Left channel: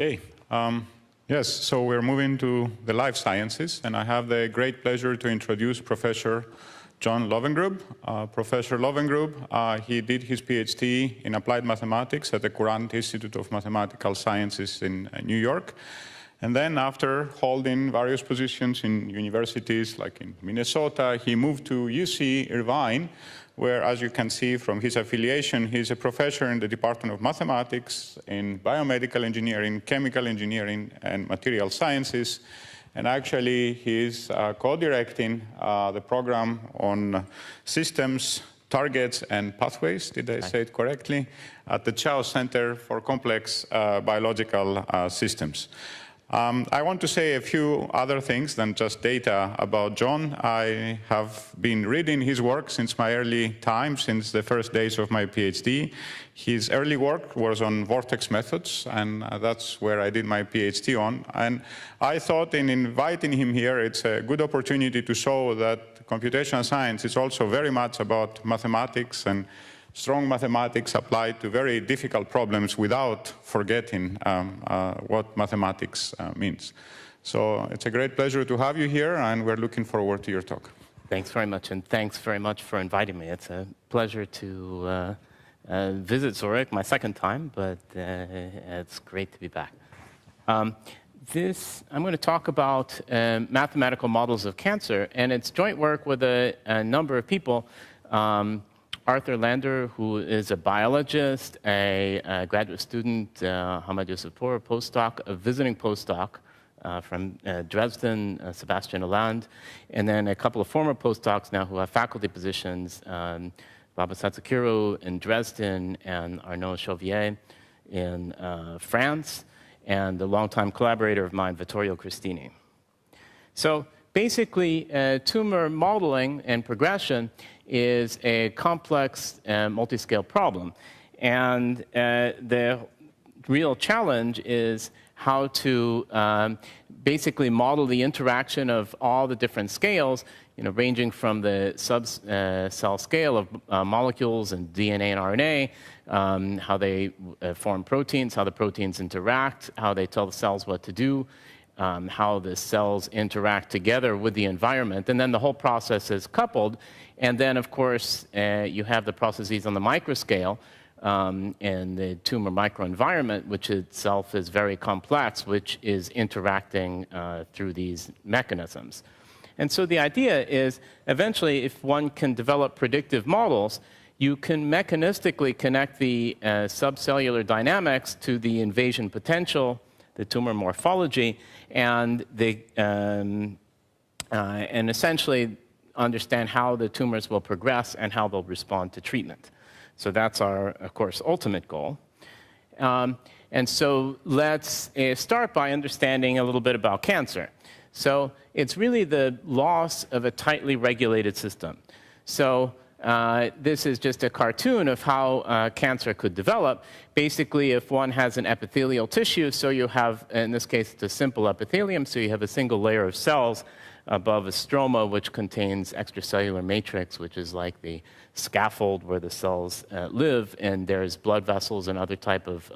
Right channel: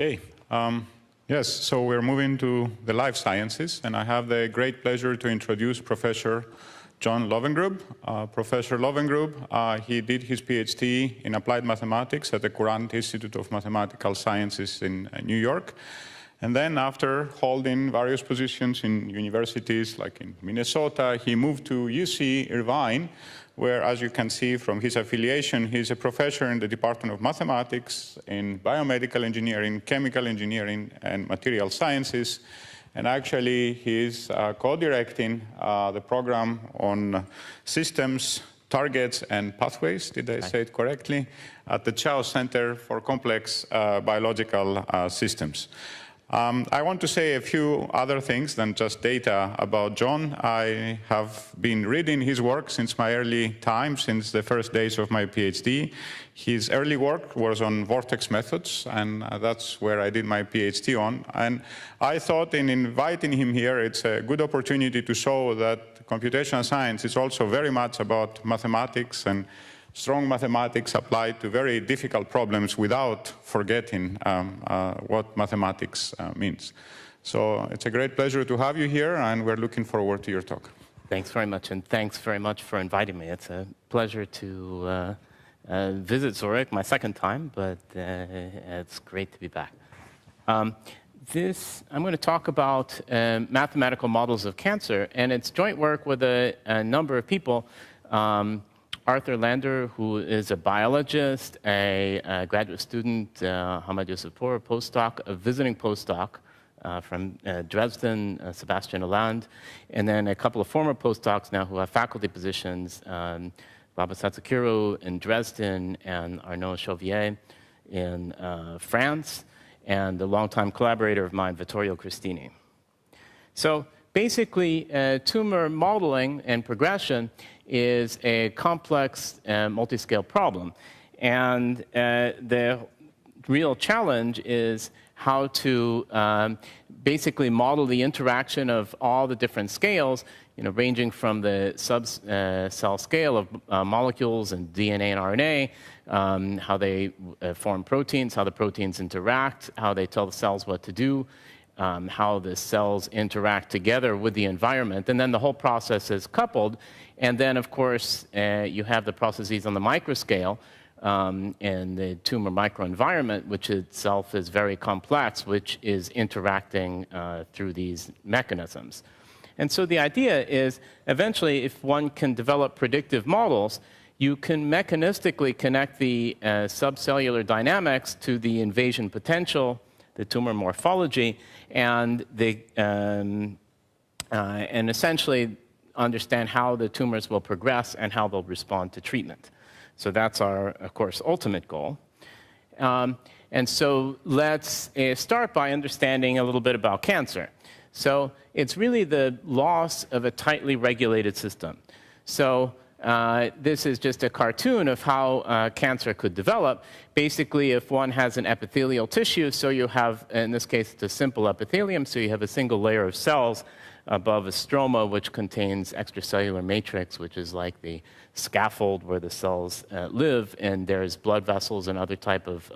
Okay. Yes, so we're moving to the life sciences, and I have the great pleasure to introduce Professor John Lowengrub. Professor Lowengrub, he did his PhD in applied mathematics at the Courant Institute of Mathematical Sciences in New York. And then after holding various positions in universities like in Minnesota, he moved to UC Irvine, where, as you can see from his affiliation, he's a professor in the Department of Mathematics, in biomedical engineering, chemical engineering, and material sciences. And actually, he's co-directing the program on systems, targets, and pathways, did I say it correctly, at the Chao Center for Complex Biological Systems. I want to say a few other things than just data about John. I have been reading his work since my early time, since the first days of my PhD. His early work was on vortex methods, and that's where I did my PhD on. And I thought in inviting him here, it's a good opportunity to show that computational science is also very much about mathematics and strong mathematics applied to very difficult problems without forgetting what mathematics means. So it's a great pleasure to have you here, and we're looking forward to your talk. Thanks very much, and thanks very much for inviting me. It's a pleasure to visit Zurich, my second time, but it's great to be back. I'm going to talk about mathematical models of cancer, and it's joint work with a number of people. Arthur Lander, who is a biologist, a graduate student, Hamad Youssefour, postdoc, a visiting postdoc from Dresden, Sebastian Hollande, and then a couple of former postdocs now who have faculty positions, Baba Satsukiru in Dresden and Arnaud Chauvier in France, and a longtime collaborator of mine, Vittorio Cristini. So basically, tumor modeling and progression is a complex multi-scale problem. And the real challenge is how to basically model the interaction of all the different scales, ranging from the sub-cell scale of molecules and DNA and RNA, how they form proteins, how the proteins interact, how they tell the cells what to do, how the cells interact together with the environment. And then the whole process is coupled. And then, of course, you have the processes on the microscale and the tumor microenvironment, which itself is very complex, which is interacting through these mechanisms. And so the idea is, eventually, if one can develop predictive models, you can mechanistically connect the subcellular dynamics to the invasion potential, the tumor morphology, and essentially understand how the tumors will progress and how they'll respond to treatment. So that's our, of course, ultimate goal. And so let's start by understanding a little bit about cancer. So it's really the loss of a tightly regulated system. So this is just a cartoon of how cancer could develop. Basically, if one has an epithelial tissue, so you have, in this case, it's a simple epithelium, so you have a single layer of cells above a stroma, which contains extracellular matrix, which is like the scaffold where the cells live, and there's blood vessels and other type of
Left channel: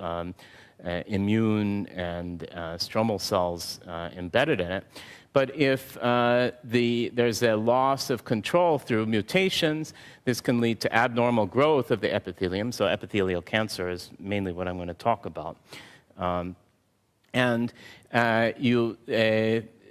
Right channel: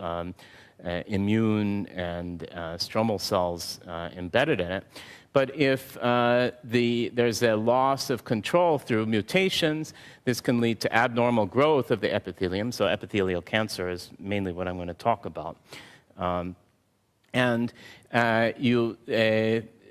immune and stromal cells embedded in it. But if there's a loss of control through mutations, this can lead to abnormal growth of the epithelium. So epithelial cancer is mainly what I'm going to talk about.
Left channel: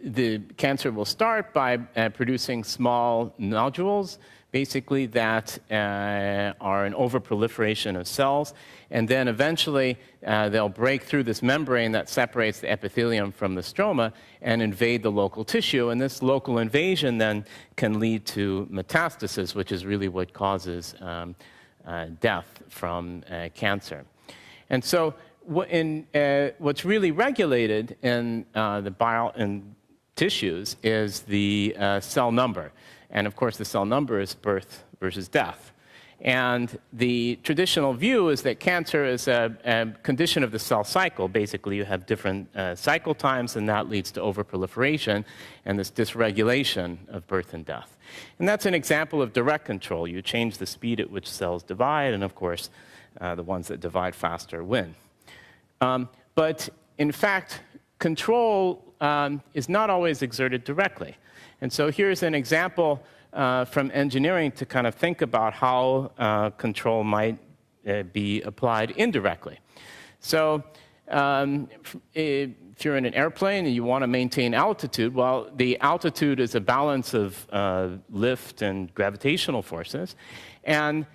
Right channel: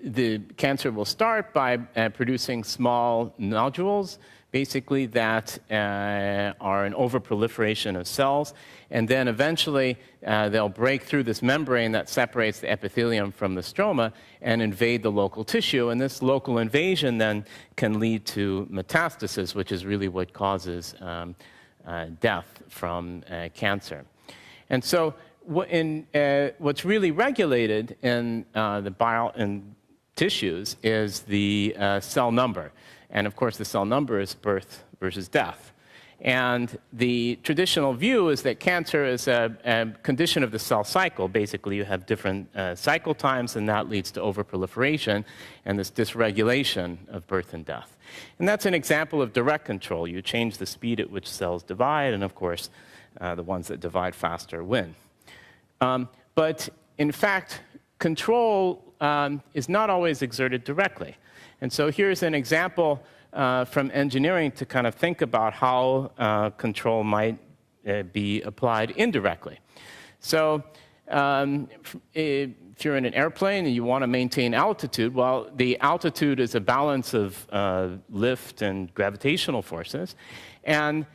The cancer will start by producing small nodules, basically that are an overproliferation of cells. And then eventually they'll break through this membrane that separates the epithelium from the stroma and invade the local tissue. And this local invasion then can lead to metastasis, which is really what causes death from cancer. And so what's really regulated in in tissues is the cell number. And of course, the cell number is birth versus death. And the traditional view is that cancer is a condition of the cell cycle. Basically, you have different cycle times, and that leads to overproliferation and this dysregulation of birth and death. And that's an example of direct control. You change the speed at which cells divide, and of course, the ones that divide faster win. But in fact, control is not always exerted directly. And so here's an example from engineering to kind of think about how control might be applied indirectly. So if you're in an airplane and you want to maintain altitude, well, the altitude is a balance of lift and gravitational forces. And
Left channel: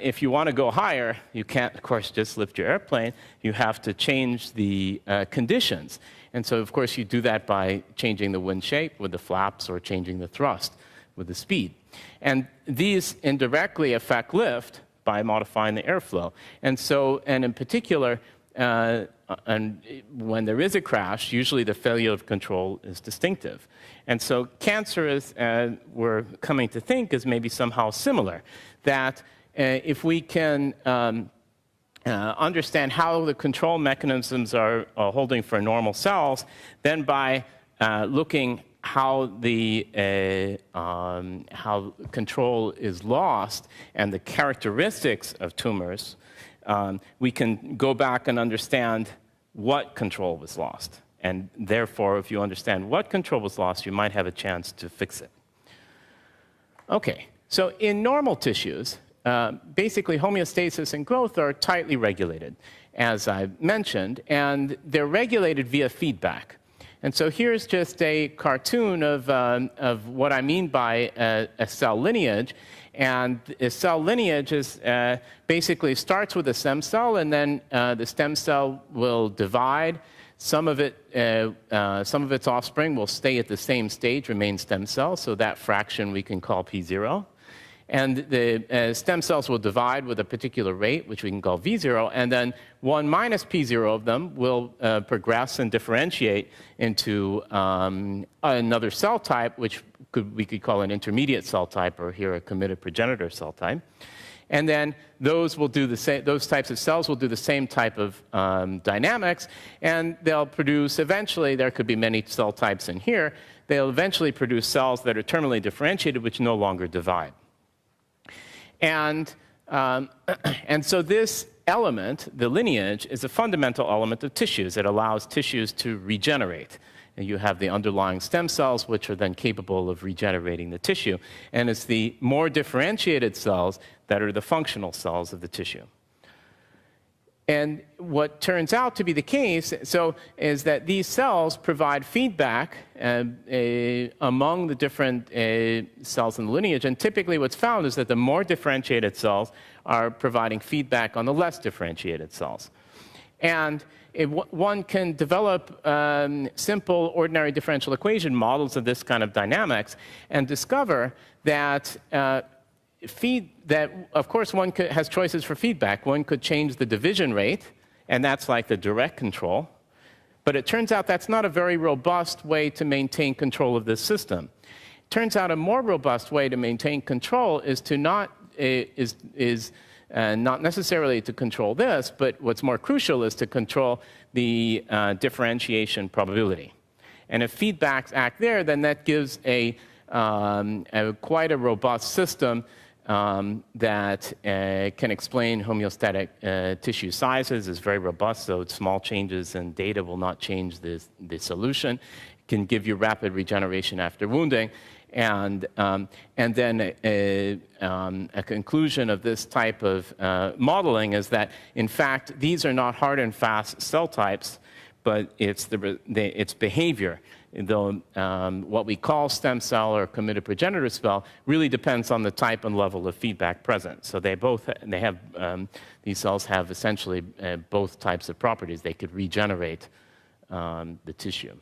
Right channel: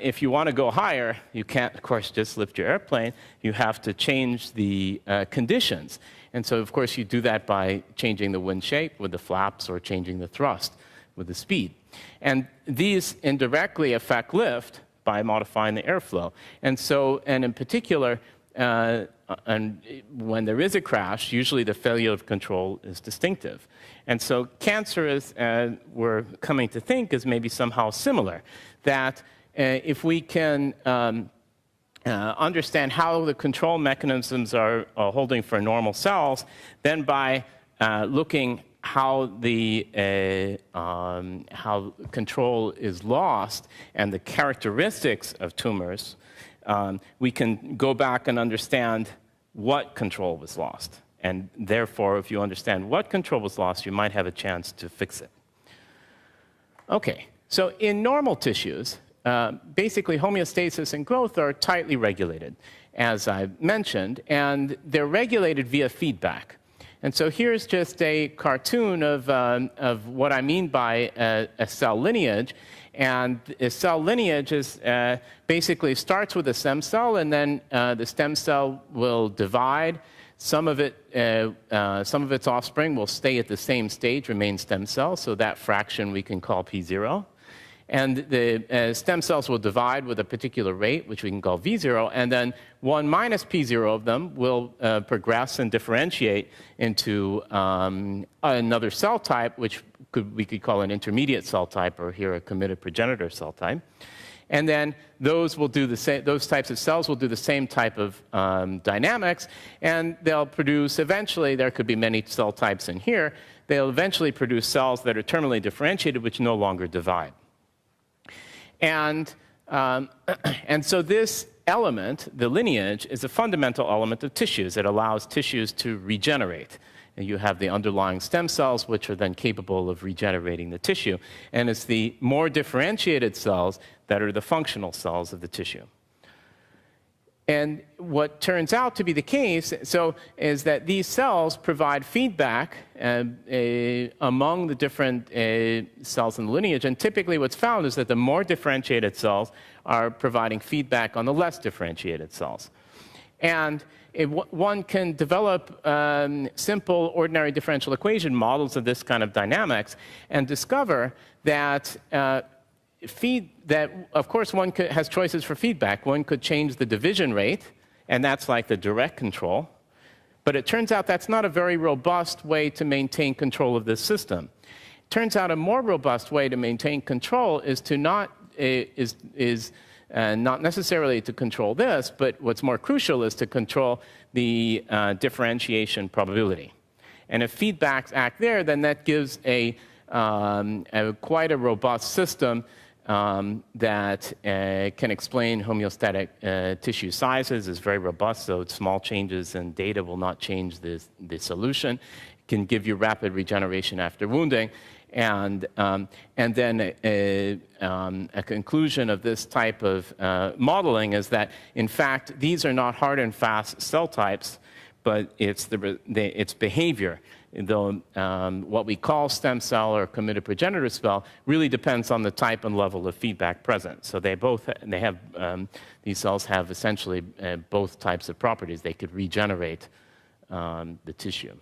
if you want to go higher, you can't, of course, just lift your airplane. You have to change the conditions. And so, of course, you do that by changing the wind shape with the flaps or changing the thrust with the speed. And these indirectly affect lift by modifying the airflow. And so, and in particular, and when there is a crash, usually the failure of control is distinctive. And so cancer, is, we're coming to think, is maybe somehow similar, that if we can understand how the control mechanisms are holding for normal cells, then by looking how the how control is lost and the characteristics of tumors, we can go back and understand what control was lost. And therefore, if you understand what control was lost, you might have a chance to fix it. Okay, so in normal tissues, basically homeostasis and growth are tightly regulated, as I mentioned, and they're regulated via feedback. And so here's just a cartoon of what I mean by a cell lineage. And a cell lineage is basically starts with a stem cell, and then the stem cell will divide. Some of its offspring will stay at the same stage, remain stem cells, so that fraction we can call P0. And the stem cells will divide with a particular rate, which we can call V0, and then 1 minus P0 of them will progress and differentiate into another cell type, which we could call an intermediate cell type, or here a committed progenitor cell type. And then those will do the same, those types of cells will do the same type of dynamics, and they'll produce, eventually, there could be many cell types in here, they'll eventually produce cells that are terminally differentiated, which no longer divide. And so this element, the lineage, is a fundamental element of tissues. It allows tissues to regenerate. And you have the underlying stem cells, which are then capable of regenerating the tissue. And it's the more differentiated cells that are the functional cells of the tissue. And what turns out to be the case, is that these cells provide feedback among the different cells in the lineage. And typically what's found is that the more differentiated cells are providing feedback on the less differentiated cells. And one can develop simple ordinary differential equation models of this kind of dynamics and discover that of course, one has choices for feedback. One could change the division rate, and that's like the direct control. But it turns out that's not a very robust way to maintain control of this system. It turns out a more robust way to maintain control is to not necessarily to control this, but what's more crucial is to control the differentiation probability. And if feedbacks act there, then that gives quite a robust system that can explain homeostatic tissue sizes, is very robust, so small changes in data will not change the solution. It can give you rapid regeneration after wounding. And then a conclusion of this type of modeling is that, in fact, these are not hard and fast cell types, but it's behavior. Though what we call stem cell or committed progenitor cell really depends on the type and level of feedback present. So these cells have essentially both types of properties. They could regenerate the tissue.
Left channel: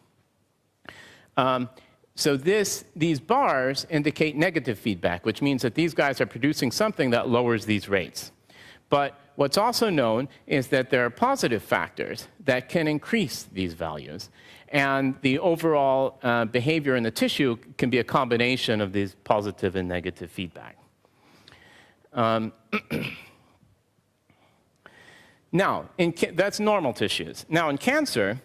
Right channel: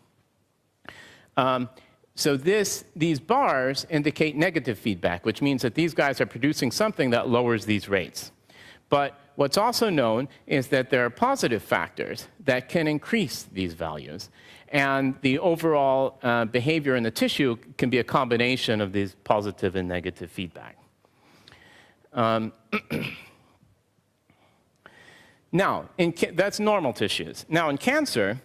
So these bars indicate negative feedback, which means that these guys are producing something that lowers these rates. But what's also known is that there are positive factors that can increase these values. And the overall behavior in the tissue can be a combination of these positive and negative feedback. Now, that's normal tissues. Now, in cancer,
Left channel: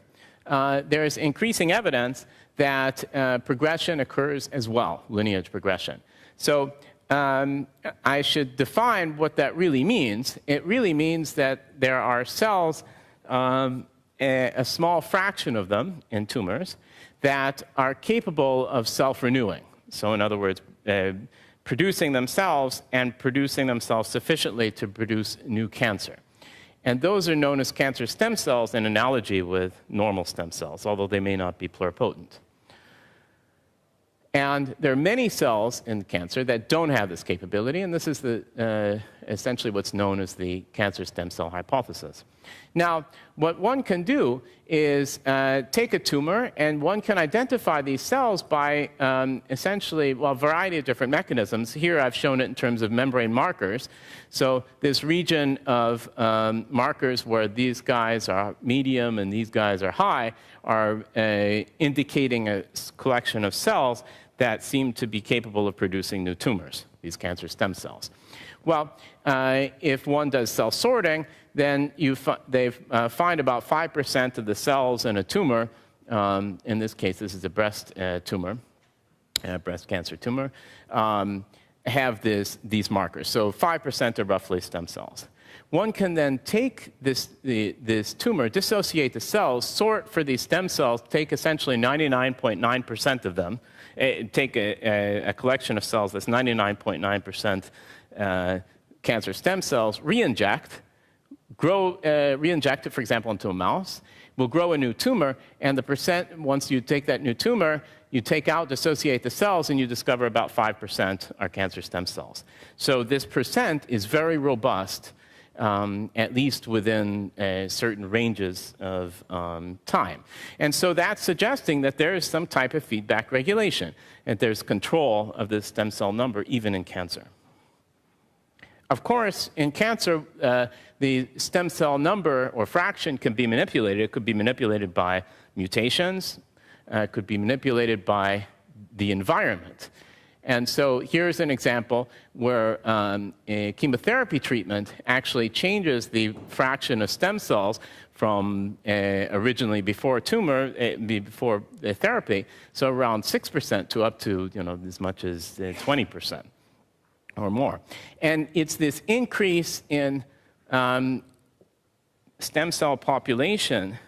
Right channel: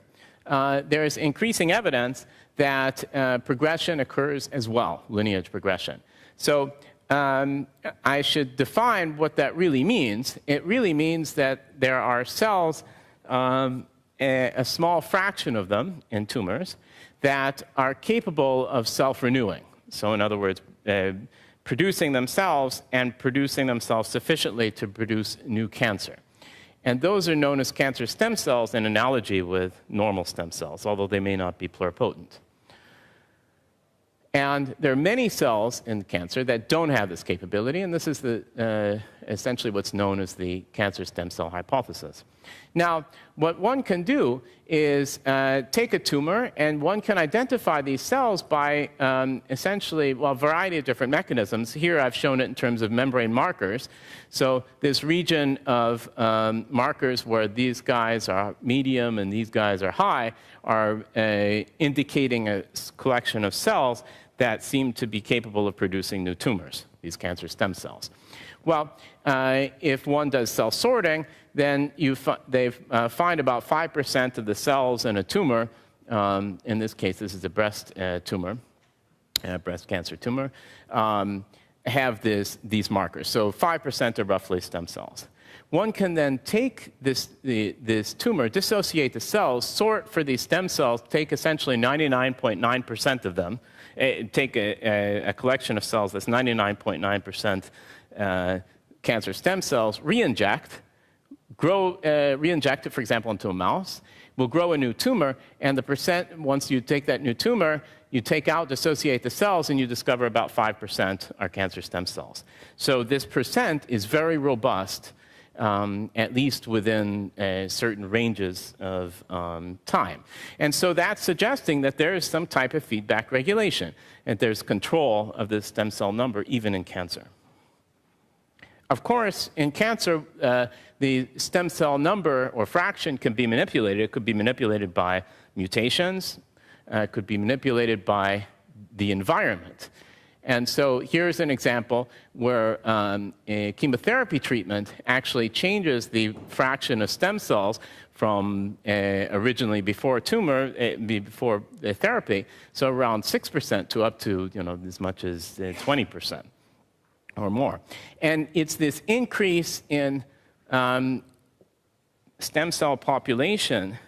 there is increasing evidence that progression occurs as well, lineage progression. So I should define what that really means. It really means that there are cells a small fraction of them in tumors that are capable of self-renewing. So in other words, producing themselves and producing themselves sufficiently to produce new cancer. And those are known as cancer stem cells in analogy with normal stem cells, although they may not be pluripotent. And there are many cells in cancer that don't have this capability, and this is essentially what's known as the cancer stem cell hypothesis. Now, what one can do is take a tumor, and one can identify these cells by essentially, well, a variety of different mechanisms. Here I've shown it in terms of membrane markers. So this region of markers where these guys are medium and these guys are high are indicating a collection of cells that seem to be capable of producing new tumors, these cancer stem cells. Well, if one does cell sorting, then they find about 5% of the cells in a tumor. In this case, this is a breast tumor, breast cancer tumor, have these markers. So 5% are roughly stem cells. One can then take this tumor, dissociate the cells, sort for these stem cells, take essentially 99.9% of them, take a collection of cells that's 99.9% cancer stem cells, re-inject it, for example, into a mouse, will grow a new tumor, and the percent, once you take that new tumor, you take out, dissociate the cells, and you discover about 5% are cancer stem cells. So this percent is very robust, at least within certain ranges of time. And so that's suggesting that there is some type of feedback regulation, and there's control of this stem cell number even in cancer. Of course, in cancer, the stem cell number or fraction can be manipulated. It could be manipulated by mutations. It could be manipulated by the environment. And so here's an example where a chemotherapy treatment actually changes the fraction of stem cells from originally before tumor, before the therapy, so around 6% to up to as much as 20% or more. And it's this increase in stem cell population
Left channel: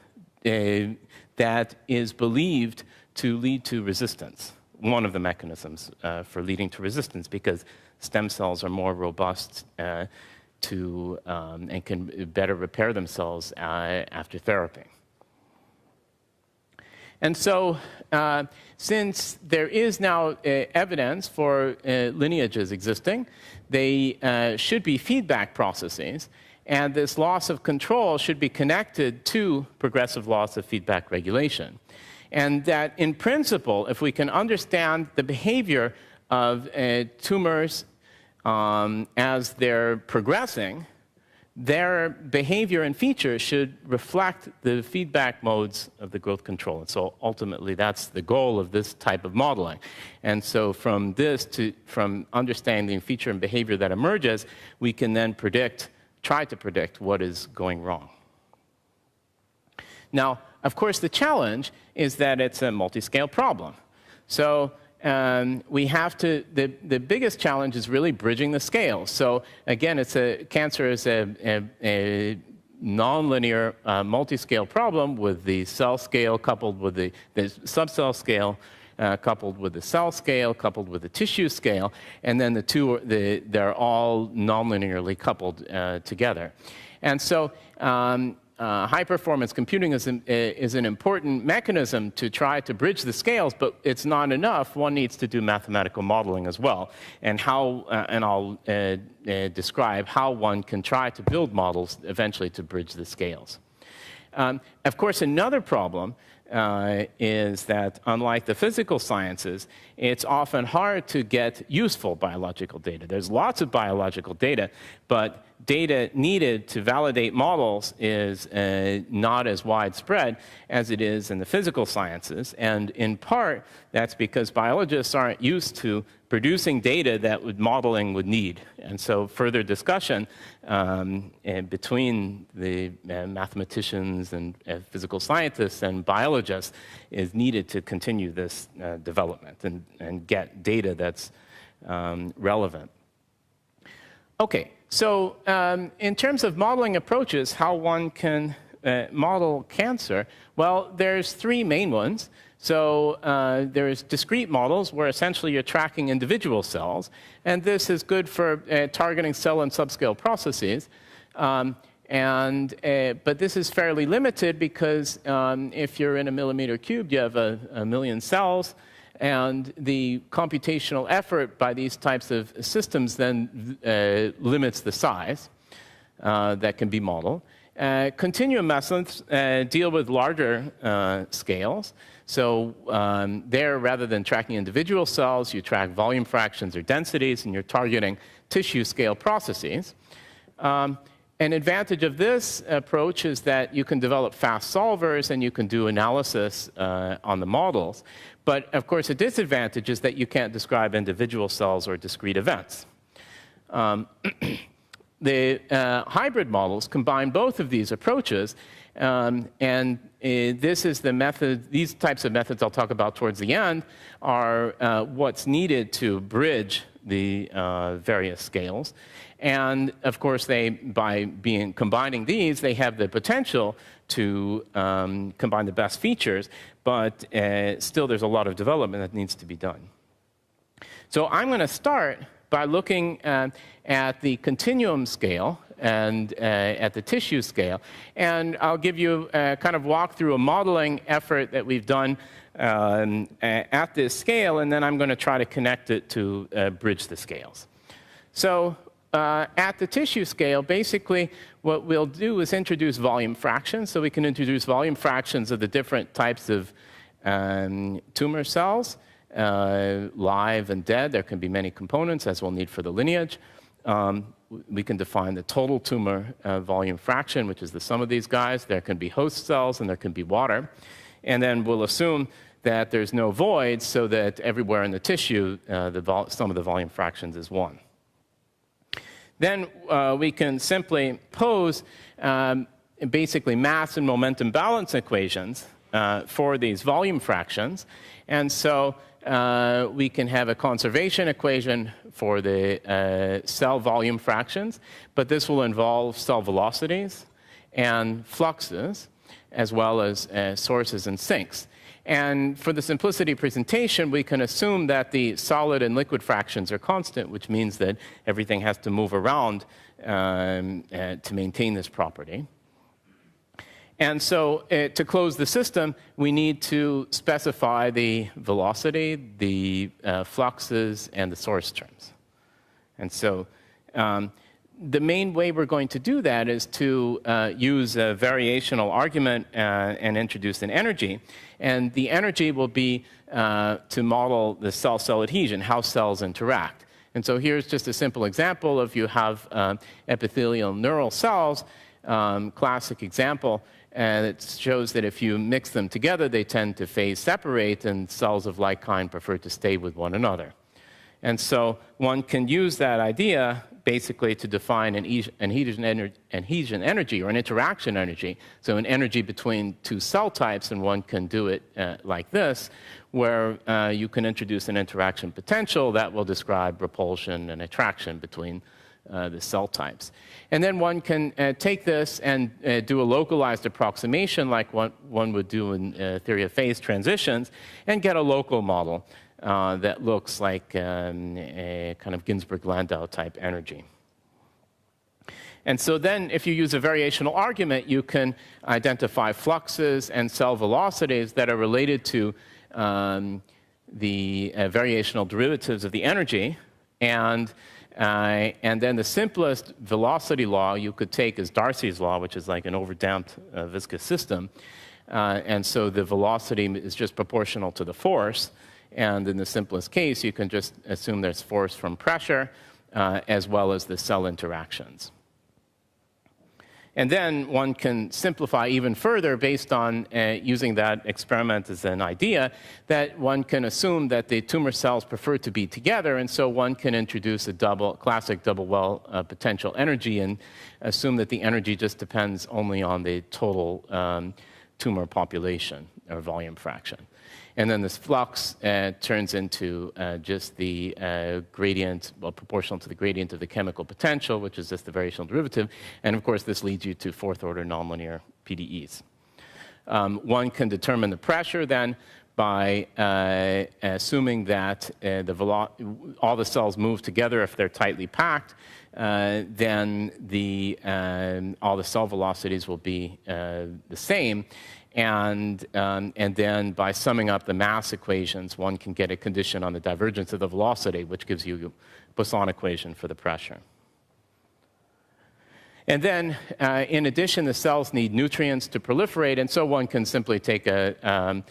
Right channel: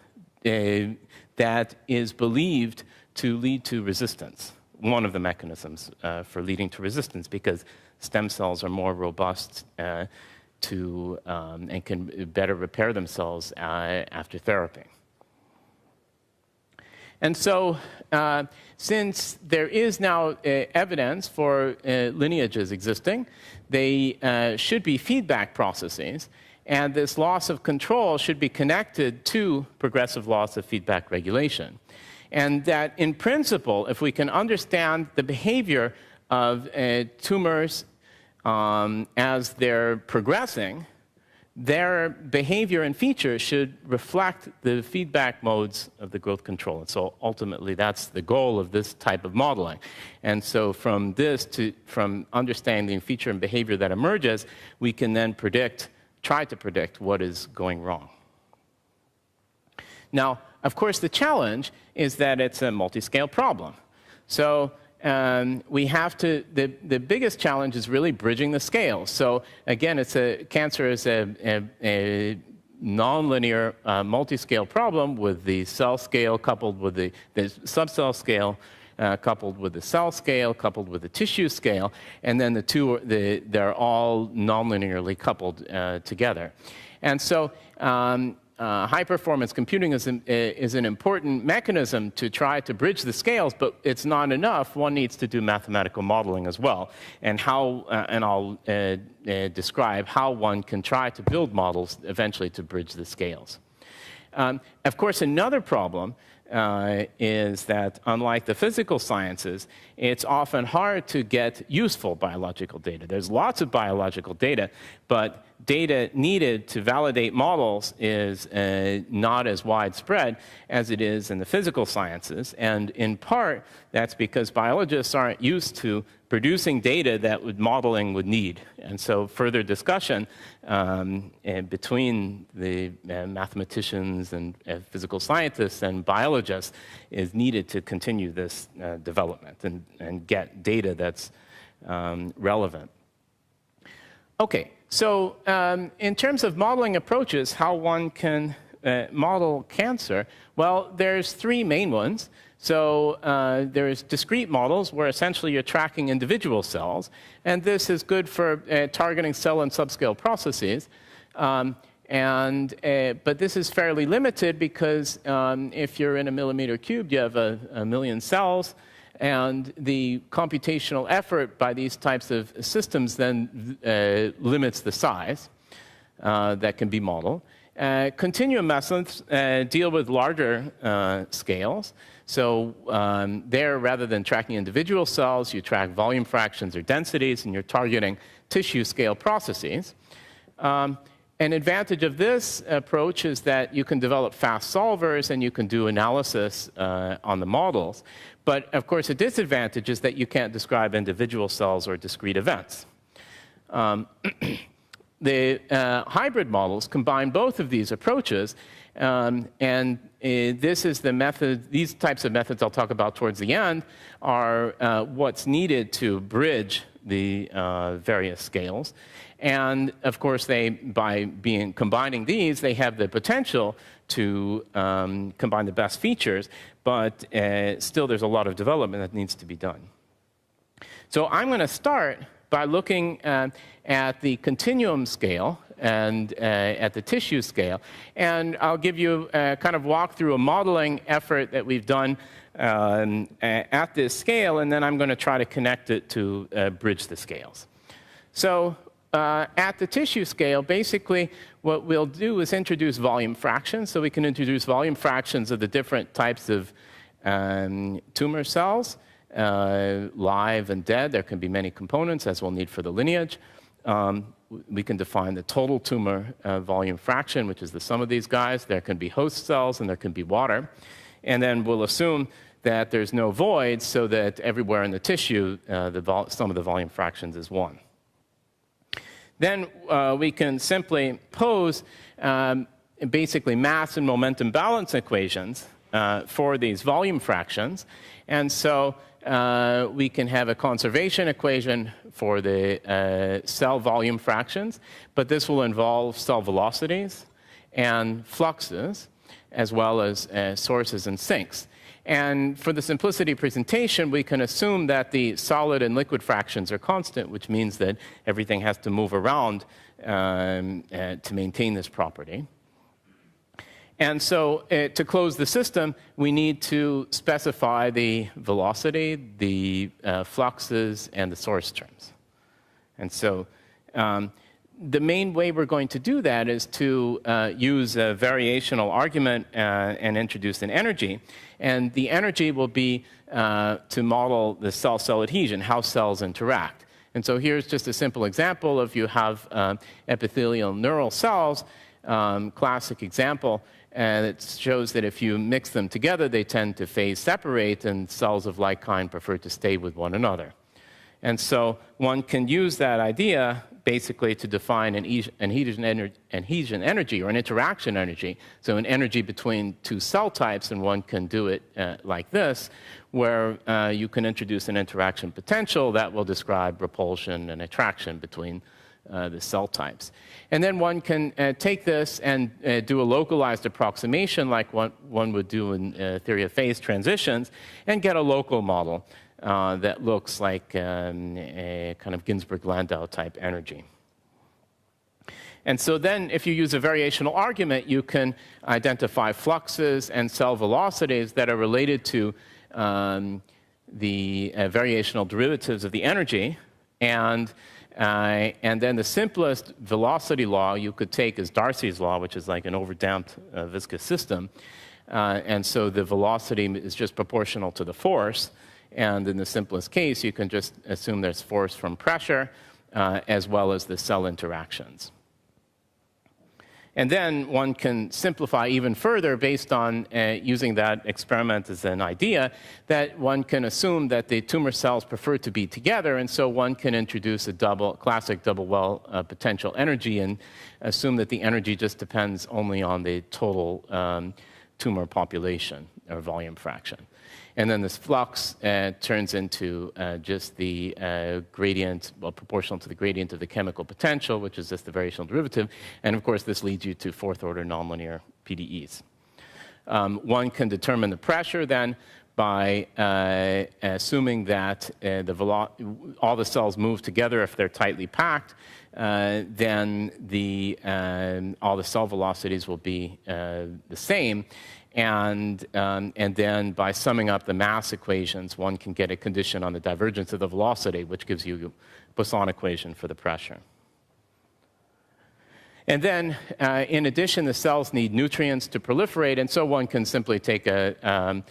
that is believed to lead to resistance. One of the mechanisms for leading to resistance, because stem cells are more robust and can better repair themselves after therapy. And so, since there is now evidence for lineages existing, they should be feedback processes, and this loss of control should be connected to progressive loss of feedback regulation. And that, in principle, if we can understand the behavior of tumors as they're progressing, their behavior and features should reflect the feedback modes of the growth control. And so ultimately, that's the goal of this type of modeling. And so from understanding feature and behavior that emerges, we can then try to predict what is going wrong. Now, of course, the challenge is that it's a multi-scale problem. So we have to, the biggest challenge is really bridging the scale. So again, cancer is a nonlinear multi-scale problem with the cell scale coupled with the subcell scale, coupled with the cell scale, coupled with the tissue scale, and then they're all nonlinearly coupled together. And so high-performance computing is an important mechanism to try to bridge the scales, but it's not enough. One needs to do mathematical modeling as well, and I'll describe how one can try to build models eventually to bridge the scales. Of course, another problem is that, unlike the physical sciences, it's often hard to get useful biological data. There's lots of biological data, but data needed to validate models is not as widespread as it is in the physical sciences. And in part, that's because biologists aren't used to producing data that modeling would need. And so further discussion between the mathematicians and physical scientists and biologists is needed to continue this development and get data that's relevant. Okay, so in terms of modeling approaches, how one can model cancer? Well, there's three main ones. So there's discrete models where essentially you're tracking individual cells, and this is good for targeting cell and subscale processes. But this is fairly limited because if you're in a millimeter cubed, you have a million cells, and the computational effort by these types of systems then limits the size that can be modeled. Continuum methods deal with larger scales. So there, rather than tracking individual cells, you track volume fractions or densities, and you're targeting tissue scale processes. An advantage of this approach is that you can develop fast solvers and you can do analysis on the models. But of course, a disadvantage is that you can't describe individual cells or discrete events. The hybrid models combine both of these approaches, this is the method. These types of methods I'll talk about towards the end are what's needed to bridge the various scales. And of course, by combining these, they have the potential to combine the best features, but still there's a lot of development that needs to be done. So I'm going to start by looking at the continuum scale and at the tissue scale. And I'll give you kind of walk through a modeling effort that we've done at this scale, and then I'm going to try to connect it to bridge the scales. So at the tissue scale, basically what we'll do is introduce volume fractions. So we can introduce volume fractions of the different types of tumor cells, live and dead. There can be many components, as we'll need for the lineage. We can define the total tumor volume fraction, which is the sum of these guys. There can be host cells and there can be water. And then we'll assume that there's no voids, so that everywhere in the tissue, the sum of the volume fractions is 1. Then we can simply pose basically mass and momentum balance equations for these volume fractions. And so we can have a conservation equation for the cell volume fractions, but this will involve cell velocities and fluxes, as well as sources and sinks. And for the simplicity presentation, we can assume that the solid and liquid fractions are constant, which means that everything has to move around to maintain this property. And so to close the system, we need to specify the velocity, the fluxes, and the source terms. And so the main way we're going to do that is to use a variational argument and introduce an energy. And the energy will be to model the cell-cell adhesion, how cells interact. And so here's just a simple example of you have epithelial neural cells, classic example. And it shows that if you mix them together, they tend to phase separate, and cells of like kind prefer to stay with one another. And so one can use that idea basically to define an adhesion energy or an interaction energy. So an energy between two cell types, and one can do it like this, where you can introduce an interaction potential that will describe repulsion and attraction between the cell types. And then one can take this and do a localized approximation like what one would do in theory of phase transitions, and get a local model that looks like a kind of Ginzburg-Landau type energy. And so then if you use a variational argument, you can identify fluxes and cell velocities that are related to the variational derivatives of the energy. And then the simplest velocity law you could take is Darcy's law, which is like an overdamped viscous system. And so the velocity is just proportional to the force. And in the simplest case, you can just assume there's force from pressure as well as the cell interactions. And then one can simplify even further based on using that experiment as an idea, that one can assume that the tumor cells prefer to be together, and so one can introduce a classic double well potential energy and assume that the energy just depends only on the total tumor population or volume fraction. And then this flux turns into just the gradient, well, proportional to the gradient of the chemical potential, which is just the variational derivative. And of course, this leads you to fourth-order nonlinear PDEs. One can determine the pressure then by assuming that all the cells move together if they're tightly packed. Then all the cell velocities will be the same. And then by summing up the mass equations, one can get a condition on the divergence of the velocity, which gives you a Poisson equation for the pressure. And then, in addition, the cells need nutrients to proliferate, and so one can simply take a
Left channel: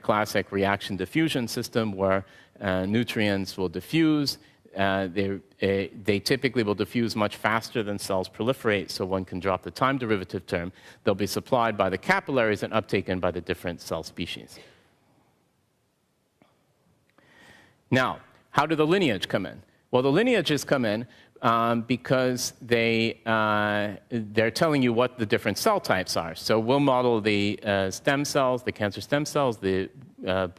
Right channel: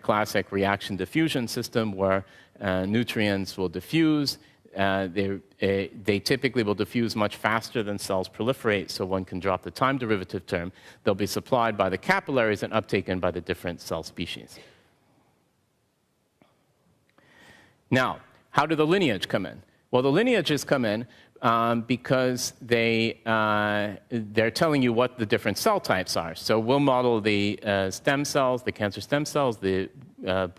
classic reaction diffusion system where nutrients will diffuse. They typically will diffuse much faster than cells proliferate, so one can drop the time derivative term. They'll be supplied by the capillaries and uptaken by the different cell species. Now, how do the lineage come in? Well, the lineages come in because they're telling you what the different cell types are. So we'll model the stem cells, the cancer stem cells, the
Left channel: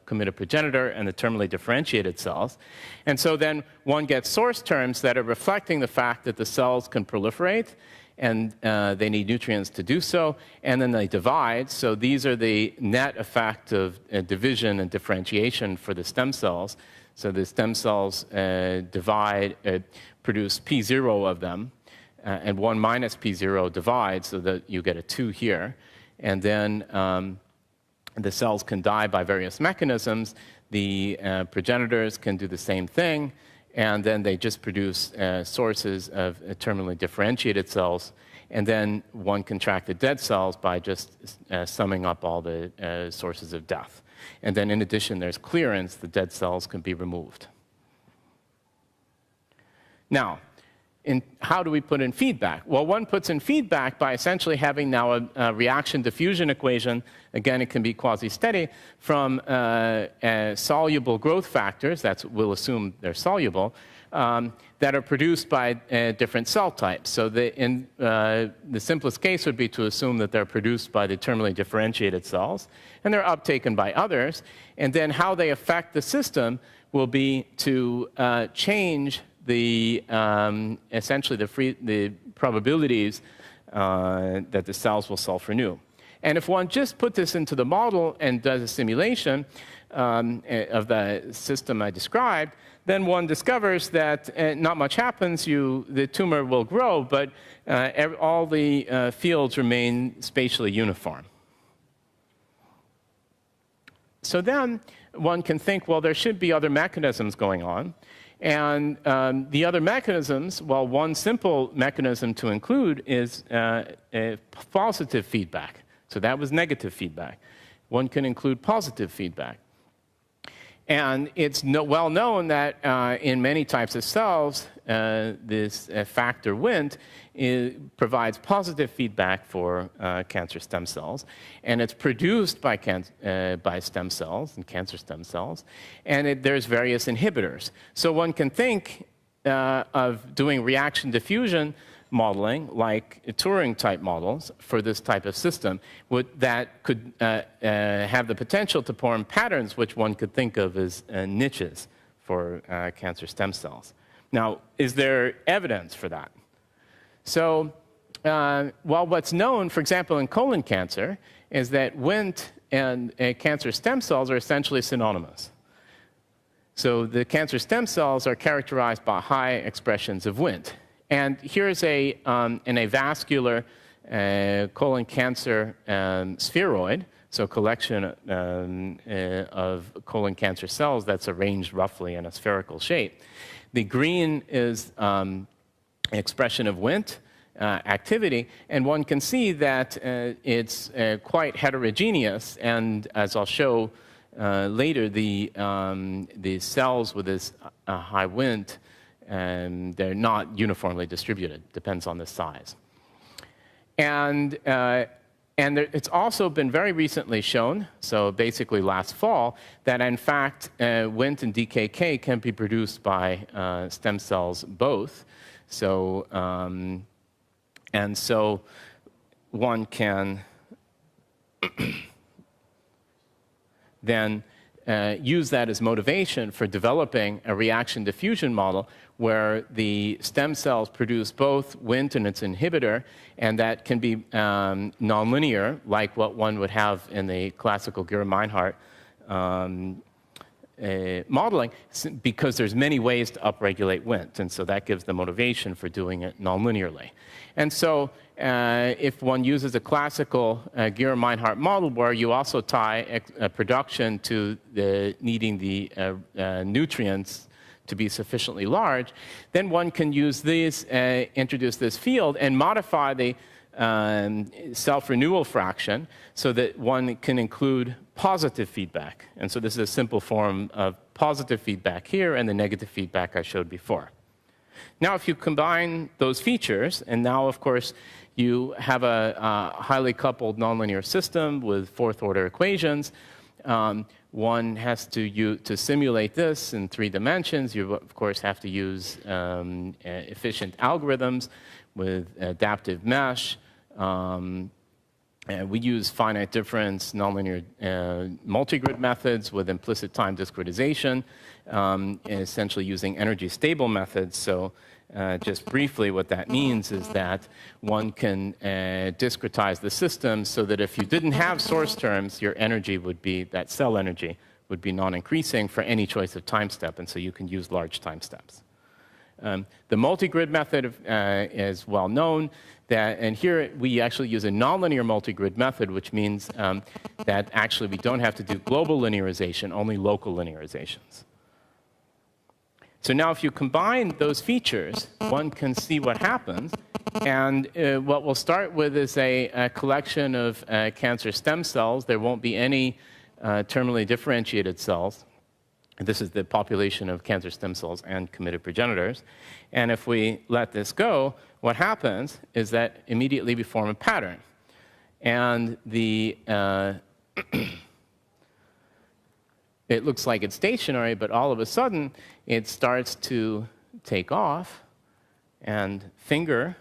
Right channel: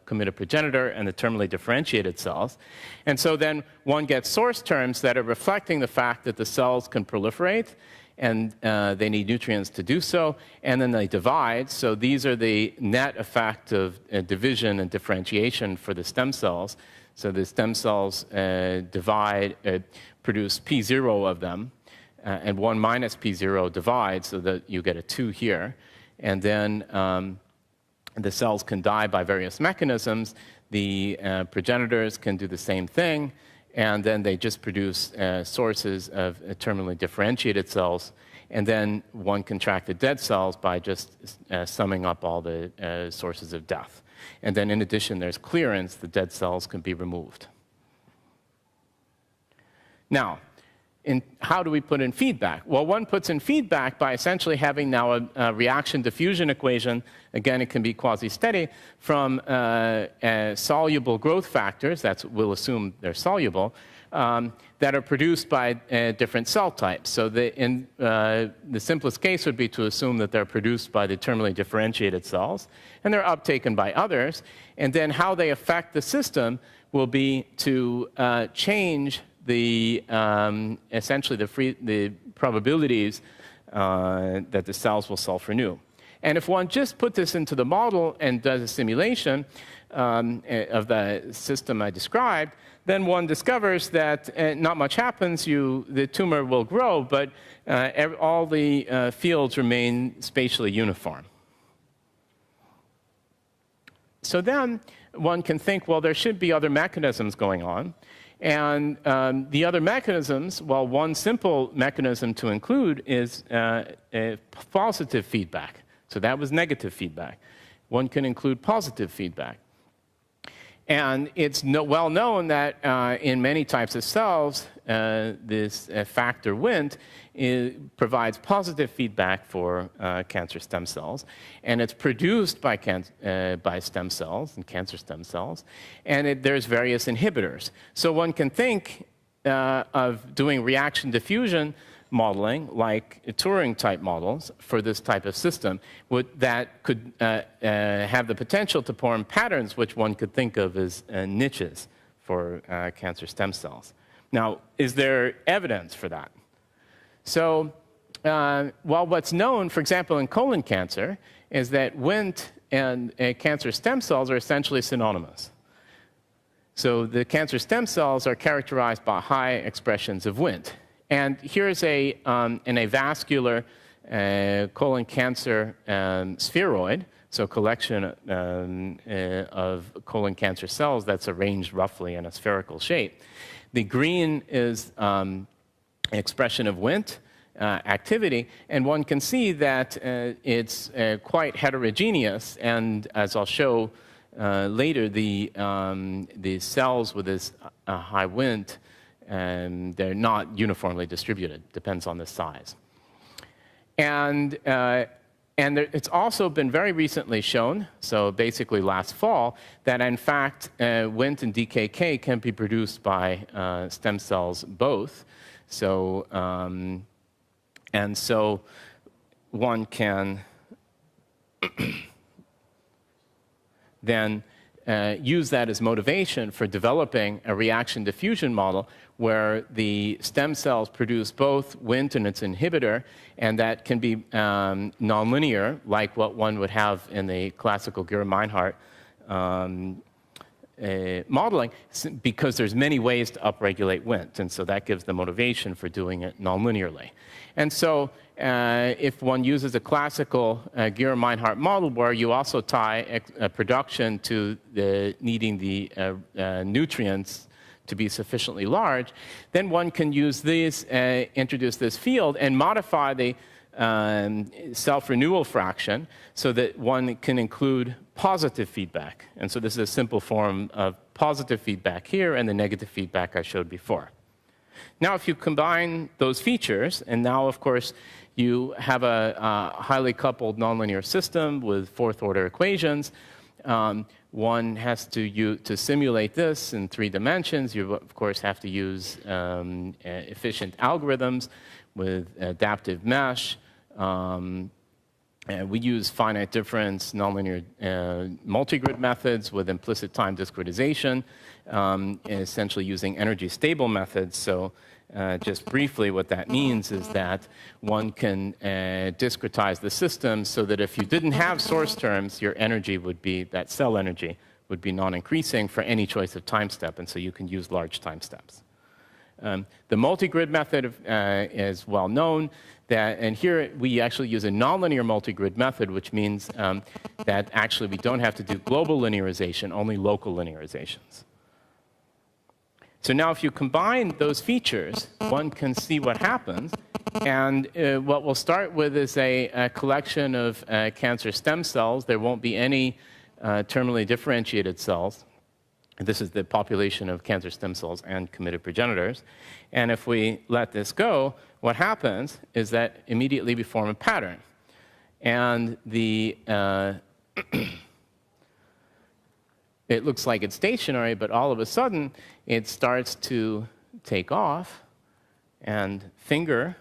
committed progenitor, and the terminally differentiated cells. And so then one gets source terms that are reflecting the fact that the cells can proliferate, and they need nutrients to do so, and then they divide. So these are the net effect of division and differentiation for the stem cells. So the stem cells produce P0 of them, and 1 minus P0 divides so that you get a 2 here. And then the cells can die by various mechanisms. The progenitors can do the same thing, and then they just produce sources of terminally differentiated cells. And then one can track the dead cells by just summing up all the sources of death. And then in addition, there's clearance. The dead cells can be removed. Now, how do we put in feedback? Well, one puts in feedback by essentially having now a reaction diffusion equation. Again, it can be quasi-steady from soluble growth factors. We'll assume they're soluble, that are produced by different cell types. So the simplest case would be to assume that they're produced by the terminally differentiated cells, and they're uptaken by others. And then how they affect the system will be to change essentially the probabilities that the cells will self-renew. And if one just put this into the model and does a simulation of the system I described, then one discovers that not much happens. The tumor will grow, but all the fields remain spatially uniform. So then one can think, well, there should be other mechanisms going on. And the other mechanisms, well, one simple mechanism to include is positive feedback. So that was negative feedback. One can include positive feedback. And it's well known that in many types of cells, this factor Wnt provides positive feedback for cancer stem cells, and it's produced by stem cells and cancer stem cells, and there's various inhibitors. So one can think of doing reaction diffusion modeling, like Turing-type models for this type of system, that could have the potential to form patterns which one could think of as niches for cancer stem cells. Now, is there evidence for that? So, what's known, for example, in colon cancer, is that Wnt and cancer stem cells are essentially synonymous. So the cancer stem cells are characterized by high expressions of Wnt. And here's in a vascular colon cancer spheroid, so a collection of colon cancer cells that's arranged roughly in a spherical shape. The green is expression of Wnt activity, and one can see that it's quite heterogeneous, and as I'll show later, the cells with this high Wnt, they're not uniformly distributed, depends on the size. And it's also been very recently shown, so basically last fall, that in fact Wnt and DKK can be produced by stem cells both. So, and so one can then use that as motivation for developing a reaction diffusion model where the stem cells produce both Wnt and its inhibitor, and that can be nonlinear, like what one would have in the classical Gera-Meinhardt modeling, because there's many ways to upregulate Wnt, and so that gives the motivation for doing it nonlinearly. And so if one uses a classical Gera-Meinhardt model where you also tie production to needing the nutrients to be sufficiently large, then one can use these, introduce this field and modify the self-renewal fraction so that one can include positive feedback. And so this is a simple form of positive feedback here and the negative feedback I showed before. Now, if you combine those features, and now, of course, you have a highly coupled nonlinear system with fourth-order equations. One has to simulate this in 3 dimensions. You, of course, have to use efficient algorithms with adaptive mesh. We use finite difference nonlinear multigrid methods with implicit time discretization, essentially using energy stable methods. So just briefly, what that means is that one can discretize the system so that if you didn't have source terms, your energy would be, that cell energy would be non-increasing for any choice of time step, and so you can use large time steps. The multigrid method is well known, and here we actually use a nonlinear multigrid method, which means that actually we don't have to do global linearization, only local linearizations. So now if you combine those features, one can see what happens. And what we'll start with is a collection of cancer stem cells. There won't be any terminally differentiated cells. This is the population of cancer stem cells and committed progenitors. And if we let this go, what happens is that immediately we form a pattern. And the it looks like it's stationary, but all of a sudden it starts to take off and finger.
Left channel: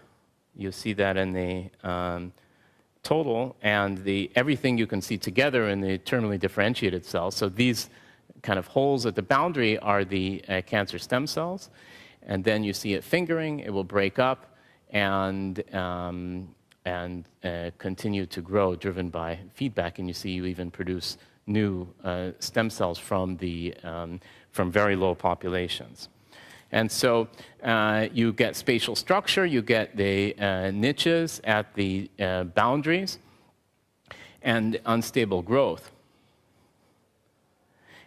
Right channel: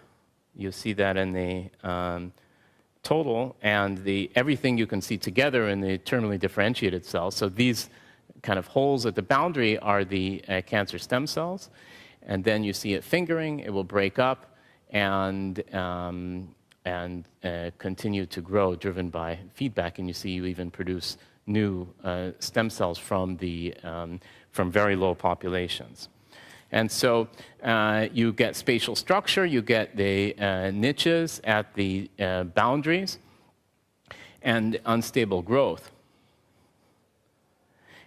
You see that in the total, and everything you can see together in the terminally differentiated cells. So these kind of holes at the boundary are the cancer stem cells, and then you see it fingering. It will break up and continue to grow, driven by feedback. And you see you even produce new stem cells from very low populations. And so you get spatial structure, you get the niches at the boundaries, and unstable growth.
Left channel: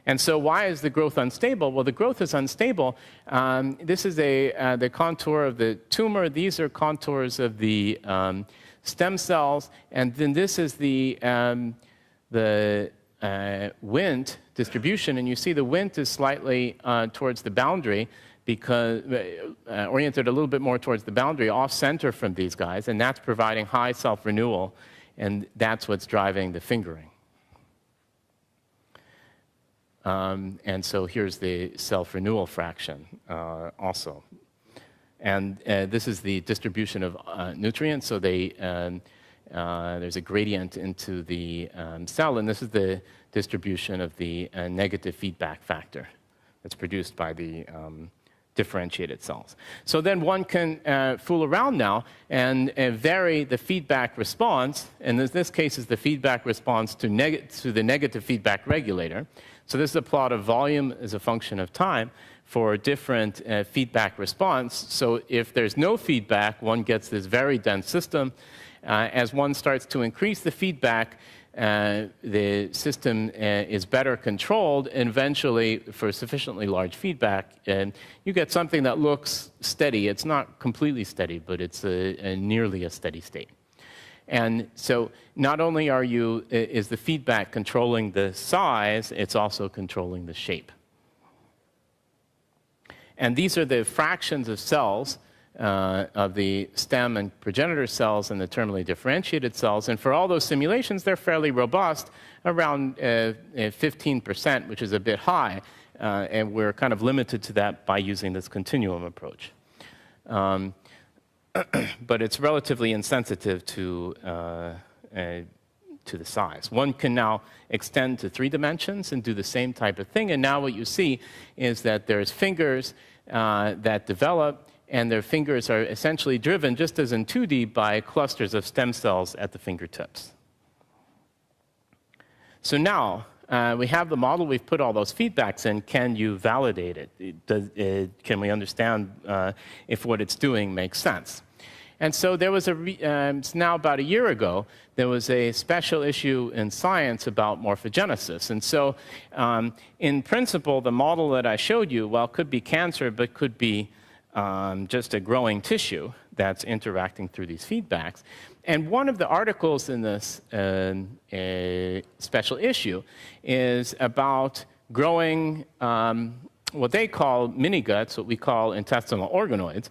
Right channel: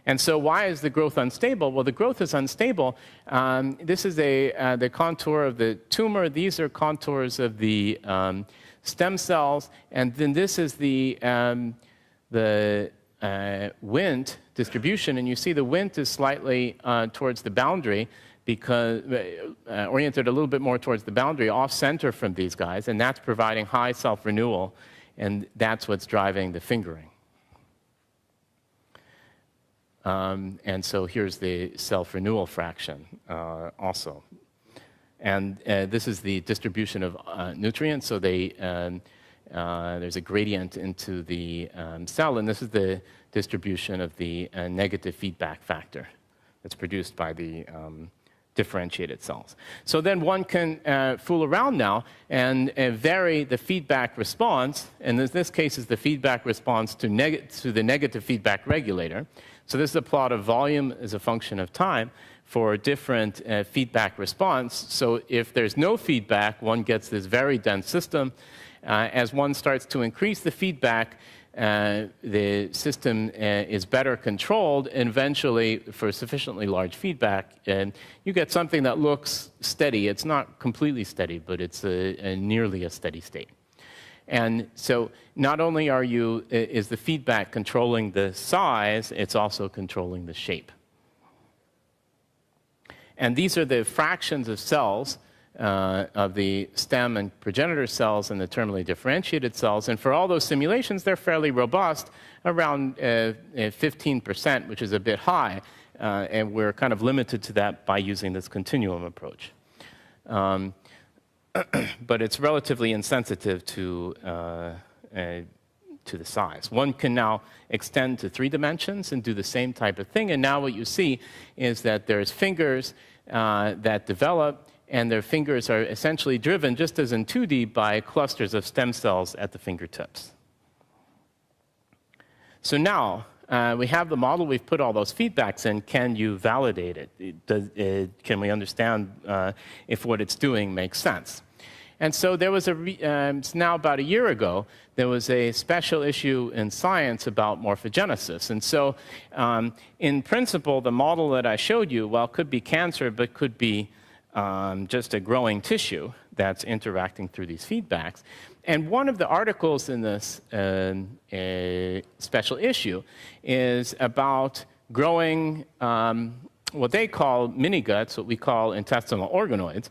And so why is the growth unstable? Well, the growth is unstable. This is the contour of the tumor. These are contours of the stem cells. And then this is the Wnt distribution. And you see the Wnt is slightly towards the boundary, because oriented a little bit more towards the boundary, off-center from these guys, and that's providing high self-renewal, and that's what's driving the fingering. And so here's the self-renewal fraction also. And this is the distribution of nutrients, so there's a gradient into the cell, and this is the distribution of the negative feedback factor that's produced by the differentiated cells. So then one can fool around now and vary the feedback response, and in this case is the feedback response to the negative feedback regulator. So this is a plot of volume as a function of time for different feedback response. So if there's no feedback, one gets this very dense system. As one starts to increase the feedback, the system is better controlled, and eventually, for sufficiently large feedback, you get something that looks steady. It's not completely steady, but it's nearly a steady state. And so not only is the feedback controlling the size, it's also controlling the shape. And these are the fractions of cells of the stem and progenitor cells and the terminally differentiated cells. And for all those simulations, they're fairly robust, around 15%, which is a bit high. And we're kind of limited to that by using this continuum approach. But it's relatively insensitive to to the size. One can now extend to 3 dimensions and do the same type of thing. And now what you see is that there's fingers that develop, and their fingers are essentially driven, just as in 2D, by clusters of stem cells at the fingertips. So now we have the model. We've put all those feedbacks in. Can you validate it? Can we understand if what it's doing makes sense? And so there was now about a year ago, there was a special issue in Science about morphogenesis. And so in principle, the model that I showed you, well, could be cancer, but could be just a growing tissue that's interacting through these feedbacks. And one of the articles in this special issue is about growing what they call miniguts, what we call intestinal organoids,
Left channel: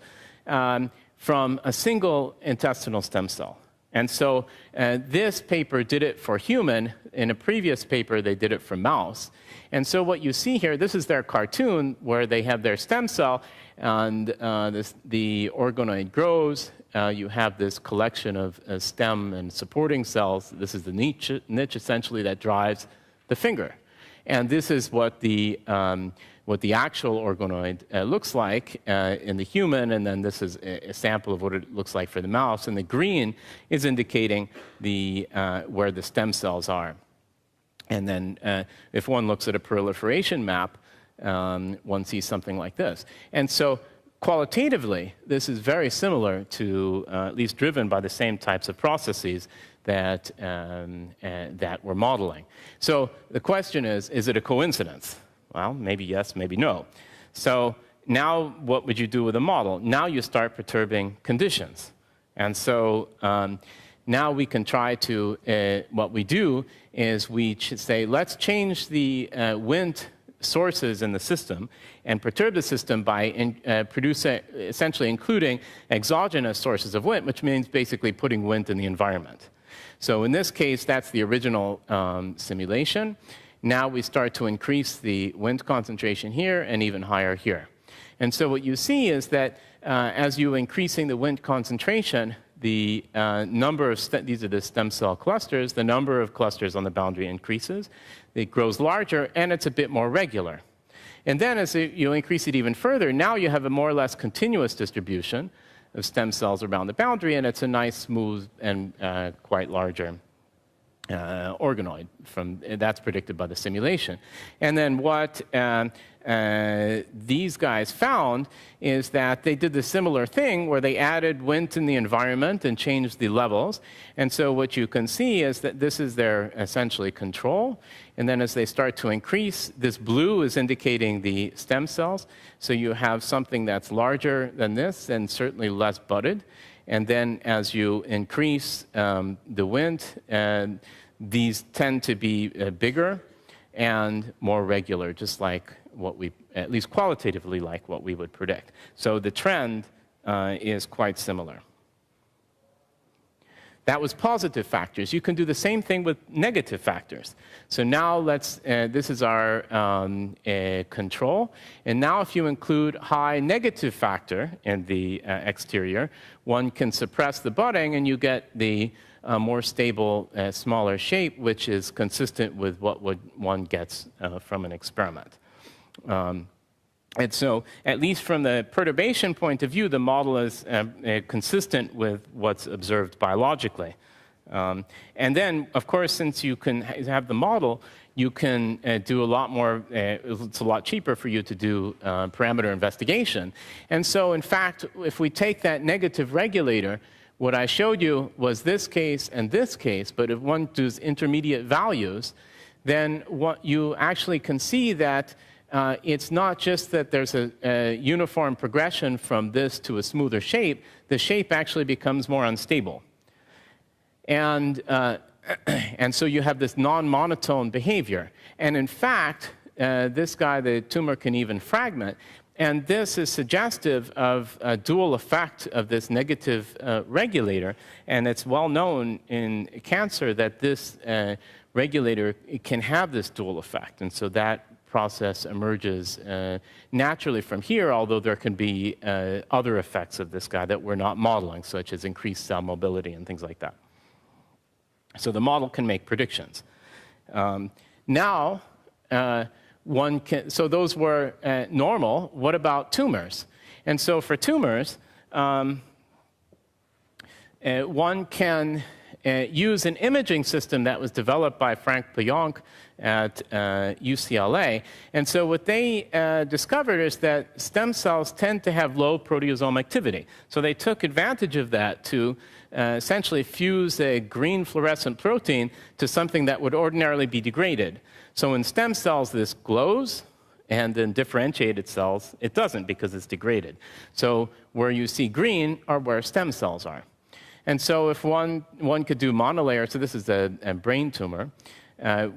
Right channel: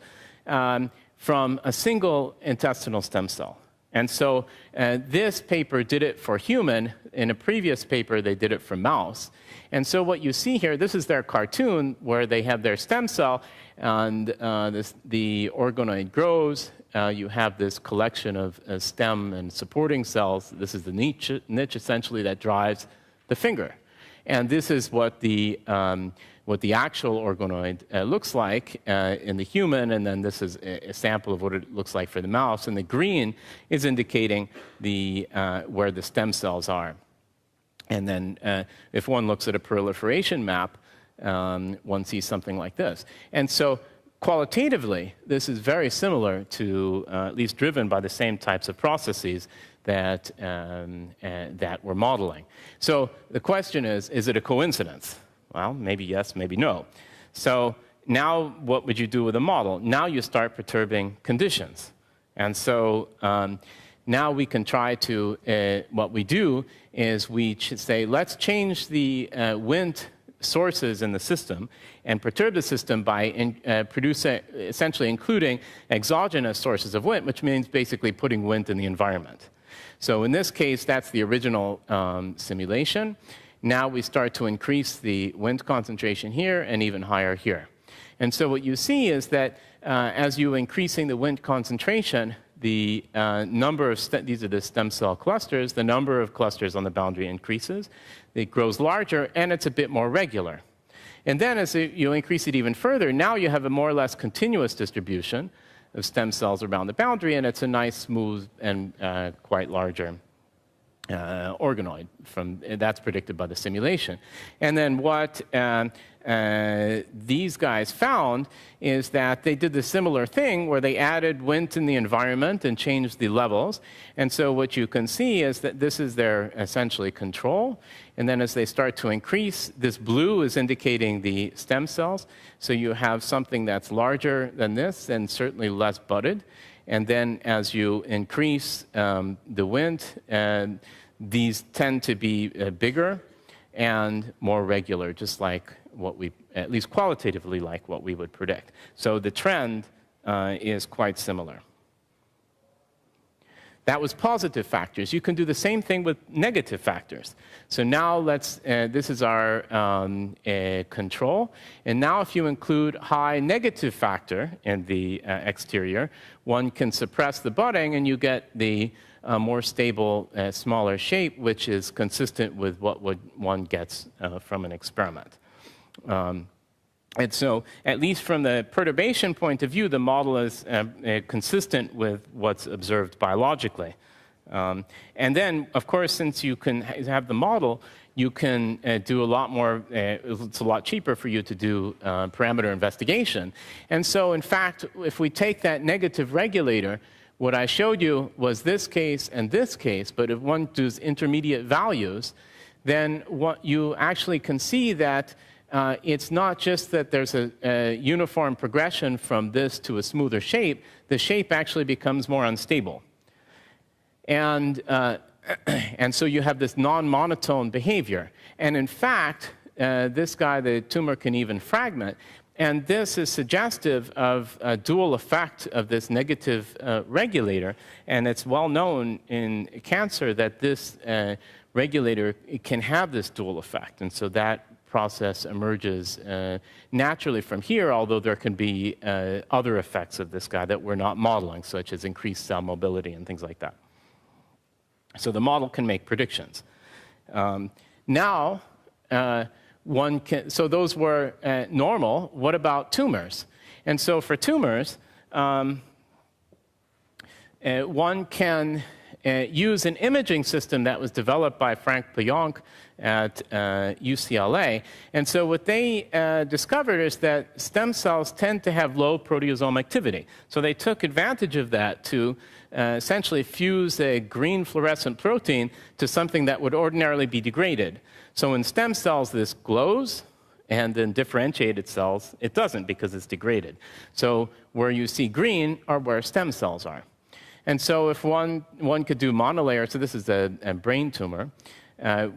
from a single intestinal stem cell. And so this paper did it for human. In a previous paper, they did it for mouse. And so what you see here, this is their cartoon where they have their stem cell, and the organoid grows. You have this collection of stem and supporting cells. This is the niche essentially that drives the finger. And this is what the actual organoid looks like in the human, and then this is a sample of what it looks like for the mouse. And the green is indicating where the stem cells are. And then if one looks at a proliferation map, one sees something like this. And so qualitatively, this is very similar to, at least driven by the same types of processes that we're modeling. So the question is it a coincidence? Well, maybe yes, maybe no. So now what would you do with a model? Now you start perturbing conditions. And so now we can try to, what we do is we say, let's change the Wnt sources in the system and perturb the system by essentially including exogenous sources of Wnt, which means basically putting Wnt in the environment. So in this case, that's the original simulation. Now we start to increase the Wnt concentration here and even higher here. And so what you see is that as you're increasing the Wnt concentration, the number of, these are the stem cell clusters, the number of clusters on the boundary increases. It grows larger, and it's a bit more regular. And then as you increase it even further, now you have a more or less continuous distribution of stem cells around the boundary, and it's a nice, smooth, and quite larger organoid. That's predicted by the simulation. And then what these guys found is that they did the similar thing where they added Wnt in the environment and changed the levels. And so what you can see is that this is their essentially control. And then as they start to increase, this blue is indicating the stem cells. So you have something that's larger than this and certainly less budded. And then as you increase the Wnt, these tend to be bigger and more regular, just like what we, at least qualitatively, like what we would predict. So the trend is quite similar. That was positive factors. You can do the same thing with negative factors. So now this is our control. And now if you include high negative factor in the exterior, one can suppress the budding and you get the more stable, smaller shape, which is consistent with what one gets from an experiment. And so, at least from the perturbation point of view, the model is consistent with what's observed biologically. And then, of course, since you can have the model, you can do a lot more, it's a lot cheaper for you to do parameter investigation. And so, in fact, if we take that negative regulator, what I showed you was this case and this case, but if one does intermediate values, then what you actually can see that it's not just that there's a uniform progression from this to a smoother shape, the shape actually becomes more unstable. And so you have this non-monotone behavior. And in fact, this guy, the tumor can even fragment. And this is suggestive of a dual effect of this negative regulator. And it's well known in cancer that this regulator can have this dual effect. And so that process emerges naturally from here, although there can be other effects of this guy that we're not modeling, such as increased cell mobility and things like that. So the model can make predictions. Now, one can, so those were normal. What about tumors? And so for tumors, one can use an imaging system that was developed by Frank Pionk at UCLA. And so what they discovered is that stem cells tend to have low proteasome activity. So they took advantage of that to essentially fuse a green fluorescent protein to something that would ordinarily be degraded. So in stem cells, this glows, and in differentiated cells, it doesn't because it's degraded. So where you see green are where stem cells are. And so if one could do monolayer, so this is a brain tumor,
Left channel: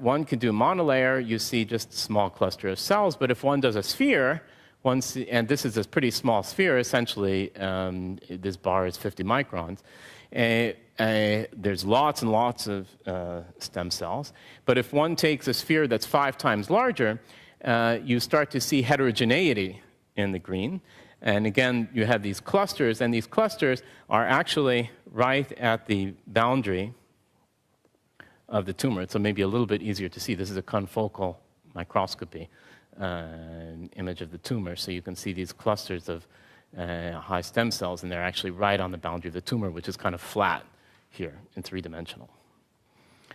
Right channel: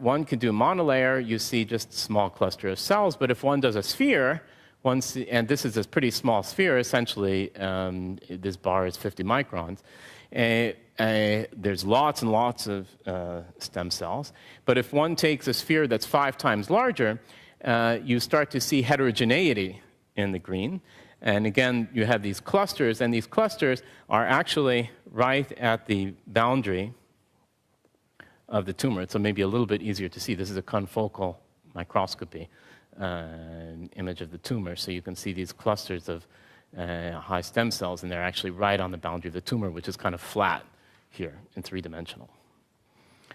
one could do monolayer, you see just a small cluster of cells, but if one does a sphere, and this is a pretty small sphere, essentially this bar is 50 microns, there's lots and lots of stem cells. But if one takes a sphere that's 5 times larger, you start to see heterogeneity in the green. And again, you have these clusters, and these clusters are actually right at the boundary of the tumor. So maybe a little bit easier to see. This is a confocal microscopy image of the tumor. So you can see these clusters of high stem cells, and they're actually right on the boundary of the tumor, which is kind of flat here in 3-dimensional.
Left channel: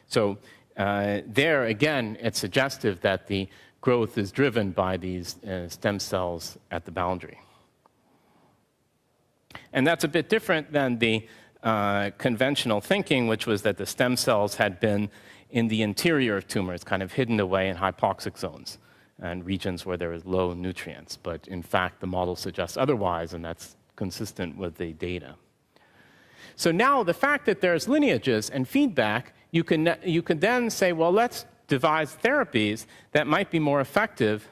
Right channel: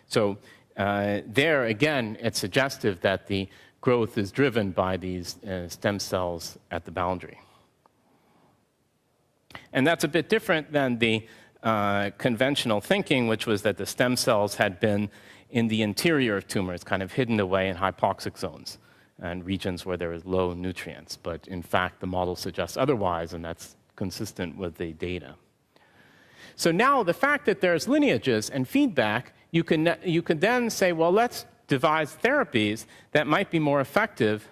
So there, again, it's suggestive that the growth is driven by these stem cells at the boundary. And that's a bit different than the conventional thinking, which was that the stem cells had been in the interior of tumors, kind of hidden away in hypoxic zones and regions where there is low nutrients. But in fact, the model suggests otherwise, and that's consistent with the data. So now the fact that there's lineages and feedback, you can then say, well, let's devise therapies that might be more effective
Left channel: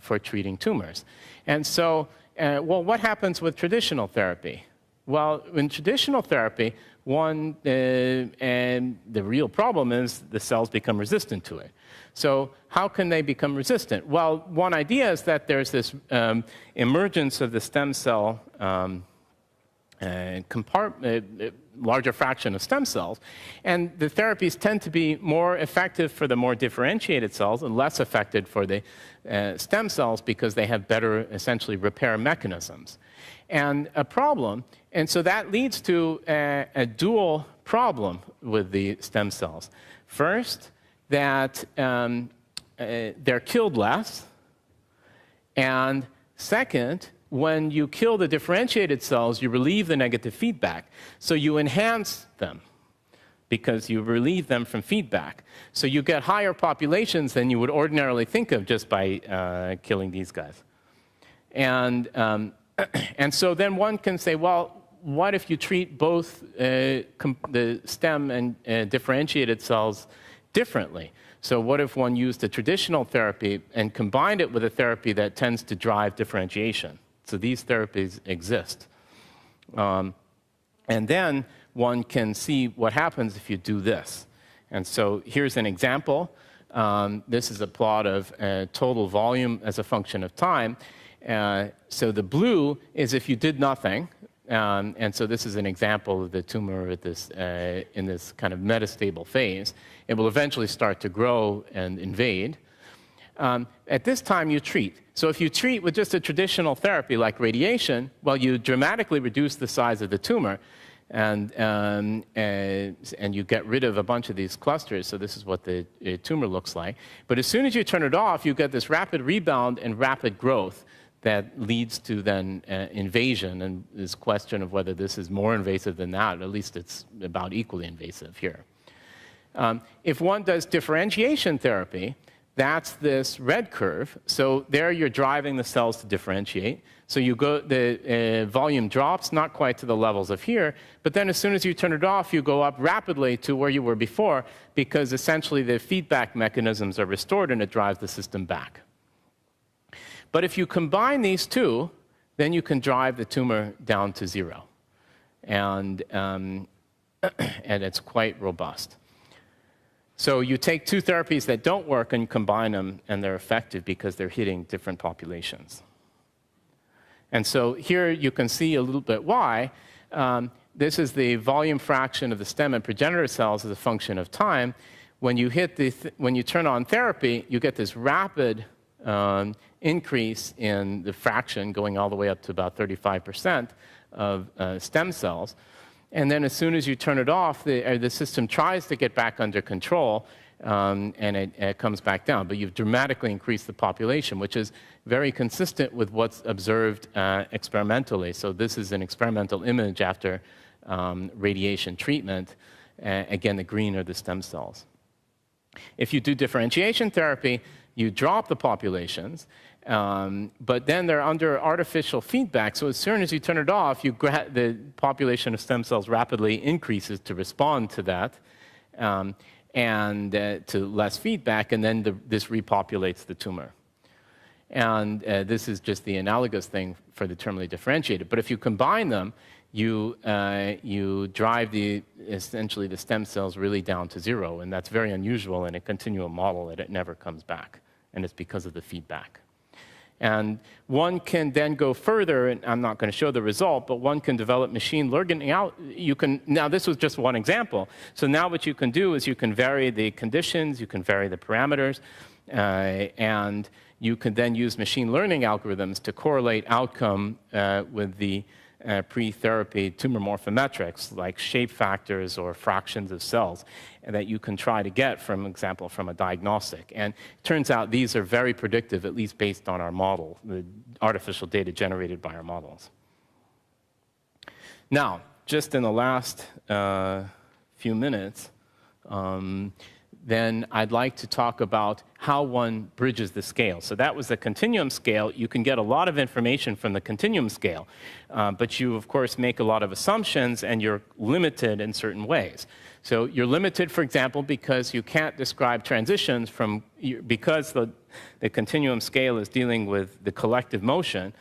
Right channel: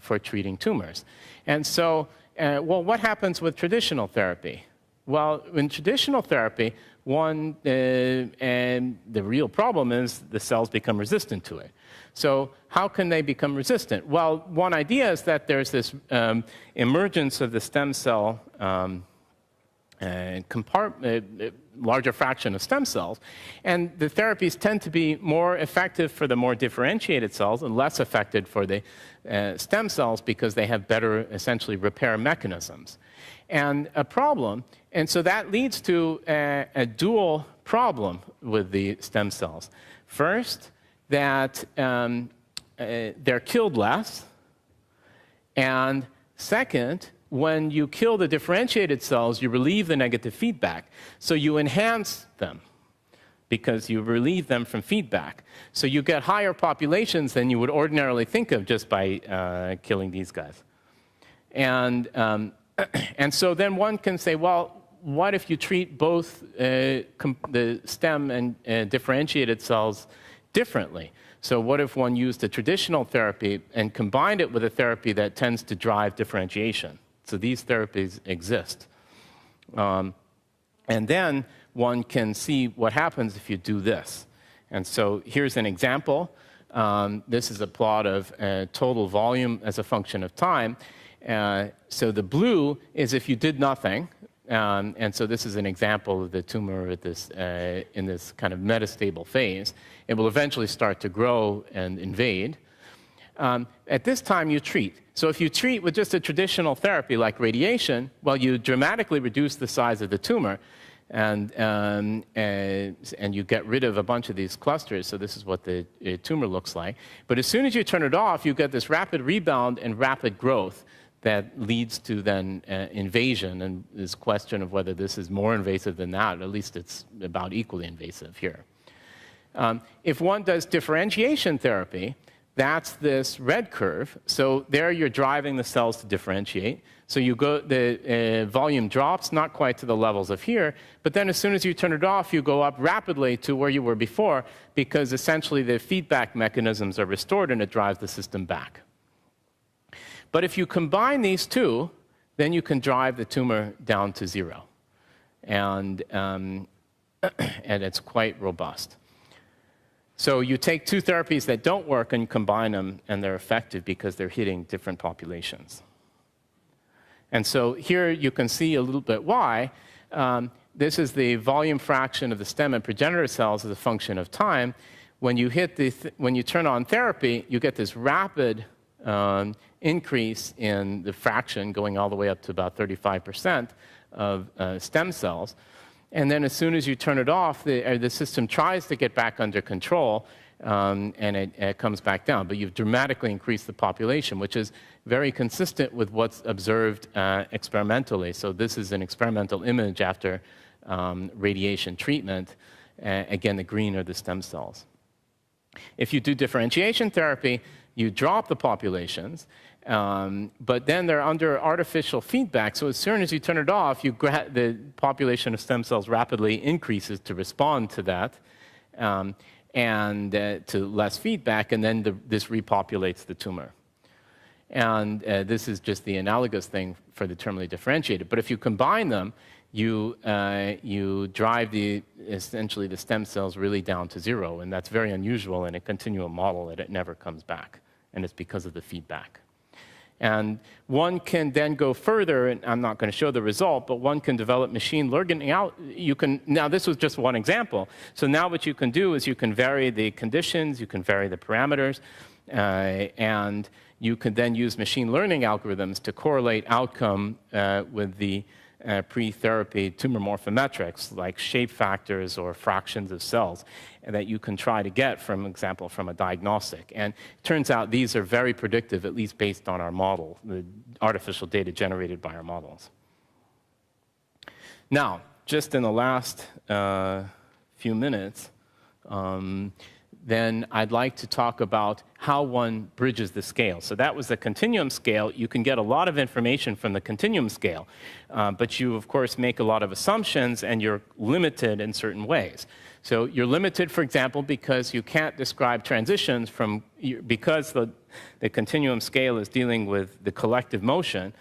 for treating tumors. And so, well, what happens with traditional therapy? Well, in traditional therapy, and the real problem is the cells become resistant to it. So how can they become resistant? Well, one idea is that there's this emergence of the stem cell larger fraction of stem cells, and the therapies tend to be more effective for the more differentiated cells and less effective for the stem cells because they have better, essentially, repair mechanisms. And so that leads to a dual problem with the stem cells. First, that they're killed less, and second, when you kill the differentiated cells, you relieve the negative feedback. So you enhance them because you relieve them from feedback. So you get higher populations than you would ordinarily think of just by killing these guys. And so then one can say, well, what if you treat both the stem and differentiated cells differently? So what if one used a traditional therapy and combined it with a therapy that tends to drive differentiation? So these therapies exist. And then one can see what happens if you do this. And so here's an example. This is a plot of total volume as a function of time. So the blue is if you did nothing. And so this is an example of the tumor at this, in this kind of metastable phase. It will eventually start to grow and invade. At this time, you treat. So if you treat with just a traditional therapy like radiation, well, you dramatically reduce the size of the tumor, and you get rid of a bunch of these clusters. So this is what the tumor looks like. But as soon as you turn it off, you get this rapid rebound and rapid growth that leads to then invasion, and this question of whether this is more invasive than that. At least it's about equally invasive here. If one does differentiation therapy, that's this red curve. So there you're driving the cells to differentiate. So you go, the volume drops, not quite to the levels of here, but then as soon as you turn it off, you go up rapidly to where you were before because essentially the feedback mechanisms are restored and it drives the system back. But if you combine these two, then you can drive the tumor down to 0. And it's quite robust. So you take two therapies that don't work and combine them, and they're effective because they're hitting different populations. And so here you can see a little bit why. this is the volume fraction of the stem and progenitor cells as a function of time. When you when you turn on therapy, you get this rapid increase in the fraction, going all the way up to about 35% of stem cells. And then as soon as you turn it off, the system tries to get back under control, and it comes back down. But you've dramatically increased the population, which is very consistent with what's observed experimentally. So this is an experimental image after radiation treatment. Again, the green are the stem cells. If you do differentiation therapy, you drop the populations, but then they're under artificial feedback. So as soon as you turn it off, the population of stem cells rapidly increases to respond to that, and to less feedback, and then this repopulates the tumor. And this is just the analogous thing for the terminally differentiated. But if you combine them, you drive essentially the stem cells really down to zero, and that's very unusual in a continuum model, that it never comes back, and it's because of the feedback. And one can then go further, and I'm not going to show the result, but one can develop machine learning. Now this was just one example. So now what you can do is you can vary the conditions, you can vary the parameters, and you can then use machine learning algorithms to correlate outcome with the pre-therapy tumor morphometrics, like shape factors or fractions of cells, that you can try to get, for example, from a diagnostic. And it turns out these are very predictive, at least based on our model, the artificial data generated by our models. Now, just in the last few minutes, then I'd like to talk about how one bridges the scale. So that was the continuum scale. You can get a lot of information from the continuum scale, but you, of course, make a lot of assumptions, and you're limited in certain ways. So you're limited, for example, because you can't describe transitions because the continuum scale is dealing with the collective motion,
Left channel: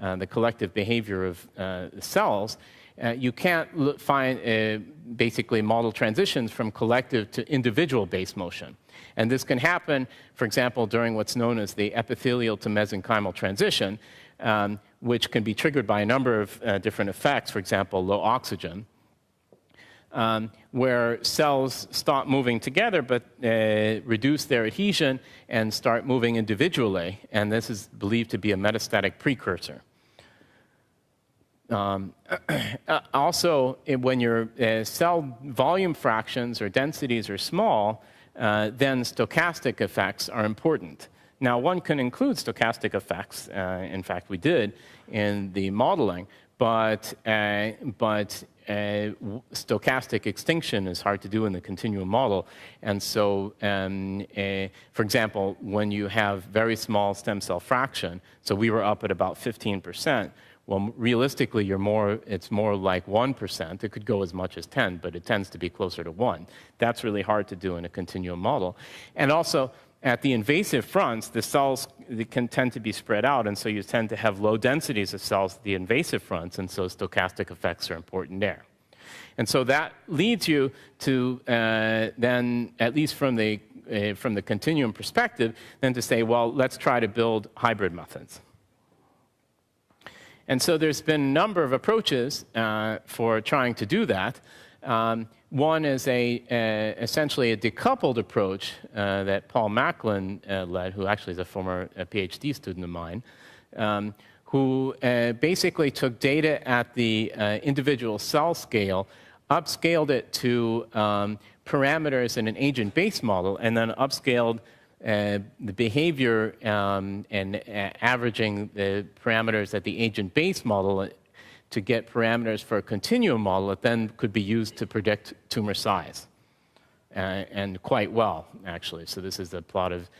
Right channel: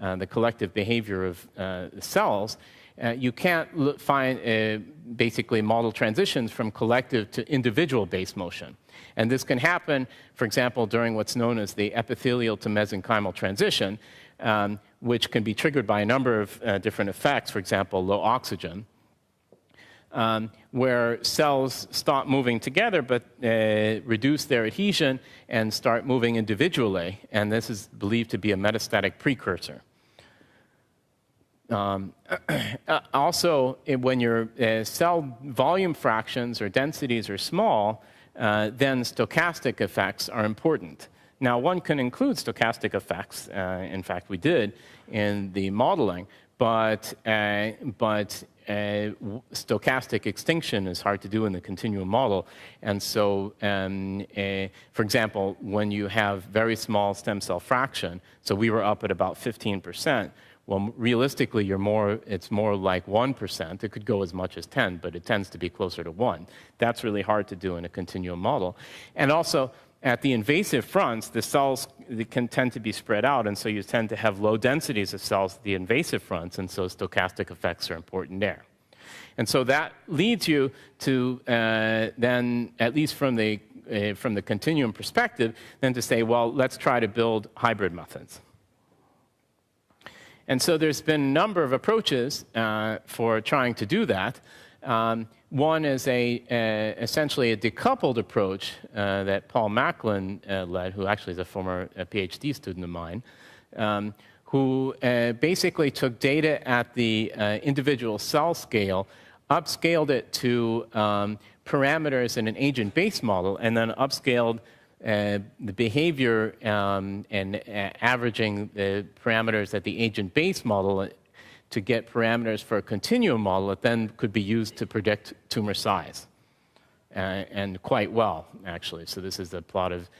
the collective behavior of the cells. You can't basically model transitions from collective to individual base motion. And this can happen, for example, during what's known as the epithelial to mesenchymal transition, which can be triggered by a number of different effects, for example, low oxygen, where cells stop moving together but reduce their adhesion and start moving individually. And this is believed to be a metastatic precursor. Also, when your cell volume fractions or densities are small, then stochastic effects are important. Now, one can include stochastic effects. In fact, we did in the modeling, but stochastic extinction is hard to do in the continuum model. And so, for example, when you have very small stem cell fraction, so we were up at about 15%, well, realistically, it's more like 1%. It could go as much as 10, but it tends to be closer to 1. That's really hard to do in a continuum model. And also, at the invasive fronts, the cells can tend to be spread out, and so you tend to have low densities of cells at the invasive fronts, and so stochastic effects are important there. And so that leads you to then, at least from the continuum perspective, then to say, well, let's try to build hybrid methods. And so there's been a number of approaches for trying to do that. One is essentially a decoupled approach that Paul Macklin led, who actually is a former PhD student of mine, who basically took data at the individual cell scale, upscaled it to parameters in an agent-based model, and then upscaled the behavior and averaging the parameters at the agent-based model to get parameters for a continuum model that then could be used to predict tumor size, and quite well, actually. So this is a plot of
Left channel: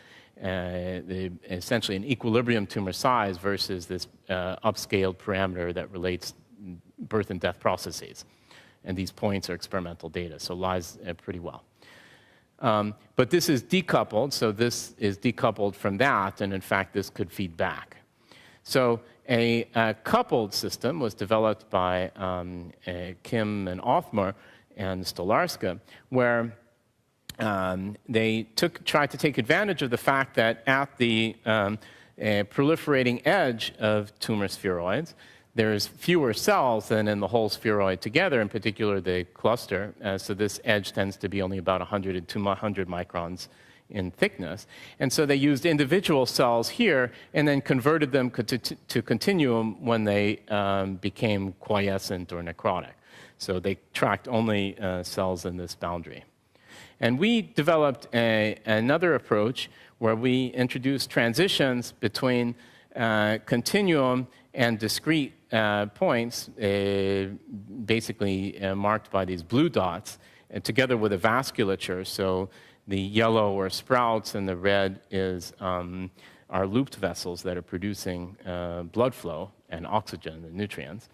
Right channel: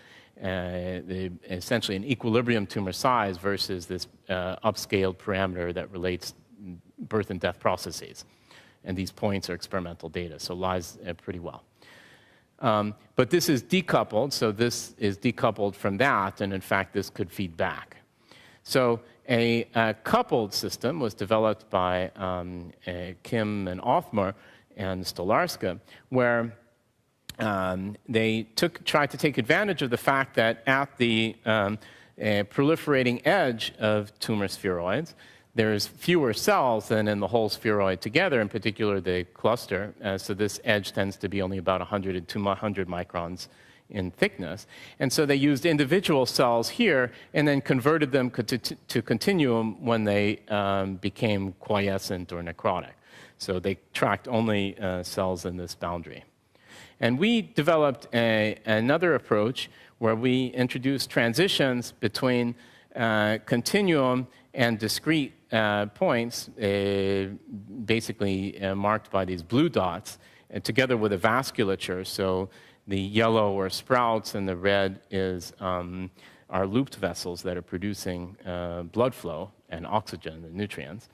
essentially an equilibrium tumor size versus this upscaled parameter that relates birth and death processes. And these points are experimental data, so lies pretty well. But this is decoupled, so this is decoupled from that, and in fact, this could feed back. So a coupled system was developed by Kim and Othmar and Stolarska, where they tried to take advantage of the fact that at the proliferating edge of tumor spheroids, there's fewer cells than in the whole spheroid together, in particular the cluster. So this edge tends to be only about 100 to 200 microns in thickness. And so they used individual cells here and then converted them to continuum when they became quiescent or necrotic. So they tracked only cells in this boundary. And we developed another approach where we introduced transitions between continuum and discrete points, basically marked by these blue dots, together with a vasculature. So the yellow are sprouts, and the red is are looped vessels that are producing blood flow and oxygen and nutrients.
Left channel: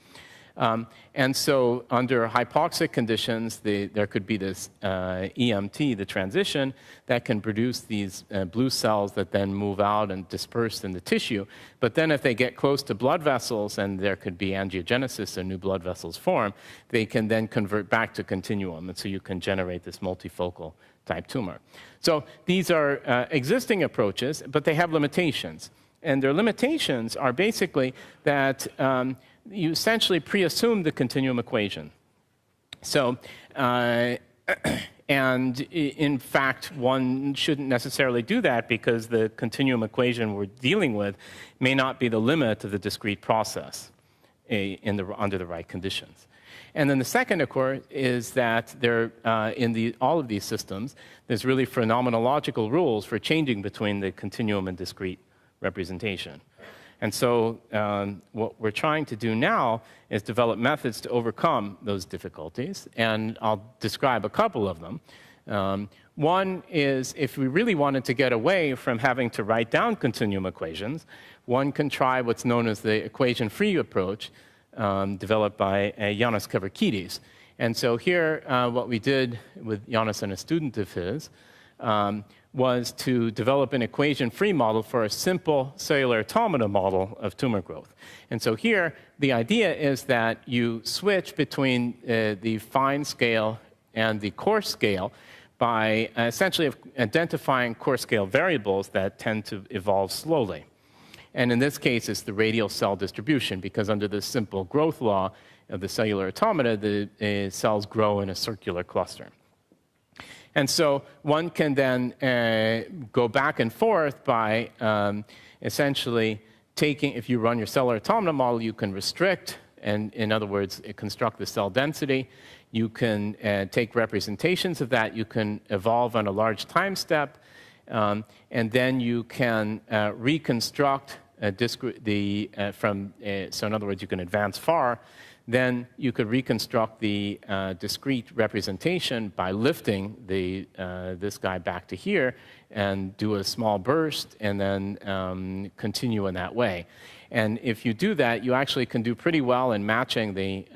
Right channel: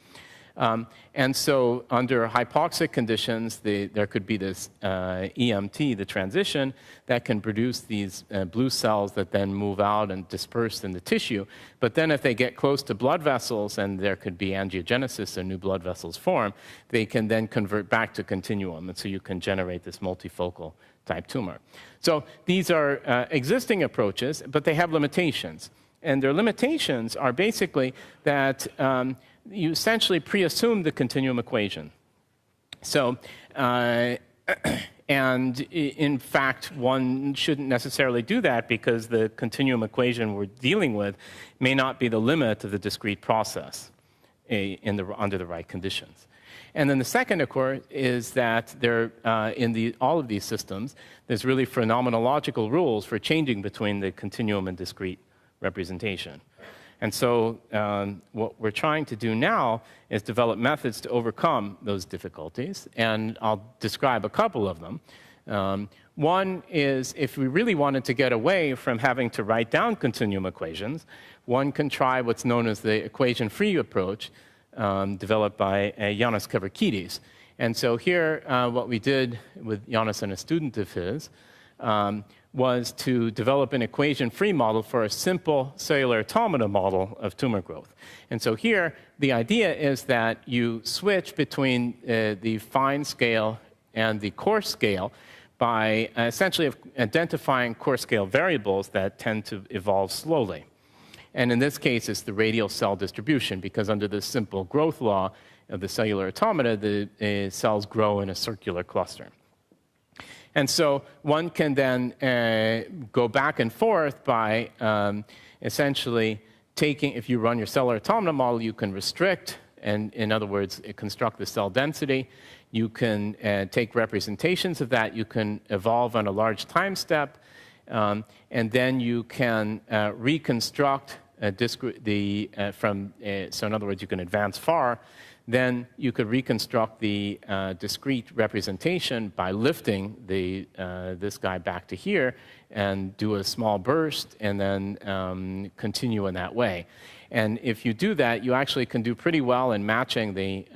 And so under hypoxic conditions, there could be this EMT, the transition, that can produce these blue cells that then move out and disperse in the tissue. But then if they get close to blood vessels and there could be angiogenesis and new blood vessels form, they can then convert back to continuum. And so you can generate this multifocal type tumor. So these are existing approaches, but they have limitations. And their limitations are basically that you essentially pre-assume the continuum equation. So, and in fact, one shouldn't necessarily do that because the continuum equation we're dealing with may not be the limit of the discrete process under the right conditions. And then the second, of course, is that there, in all of these systems, there's really phenomenological rules for changing between the continuum and discrete representation. And so what we're trying to do now is develop methods to overcome those difficulties, and I'll describe a couple of them. One is if we really wanted to get away from having to write down continuum equations, one can try what's known as the equation-free approach developed by Yanis Kavrakidis. And so here what we did with Yanis and a student of his was to develop an equation-free model for a simple cellular automata model of tumor growth. And so here, the idea is that you switch between the fine scale and the coarse scale by essentially identifying coarse scale variables that tend to evolve slowly. And in this case, it's the radial cell distribution, because under the simple growth law of the cellular automata, the cells grow in a circular cluster. And so one can then go back and forth by essentially taking, if you run your cellular automata model, you can restrict, and in other words, construct the cell density. You can take representations of that. You can evolve on a large time step, and then you can reconstruct so in other words, you can advance far. Then you could reconstruct the discrete representation by lifting this guy back to here and do a small burst and then continue in that way. And if you do that, you actually can do pretty well in matching the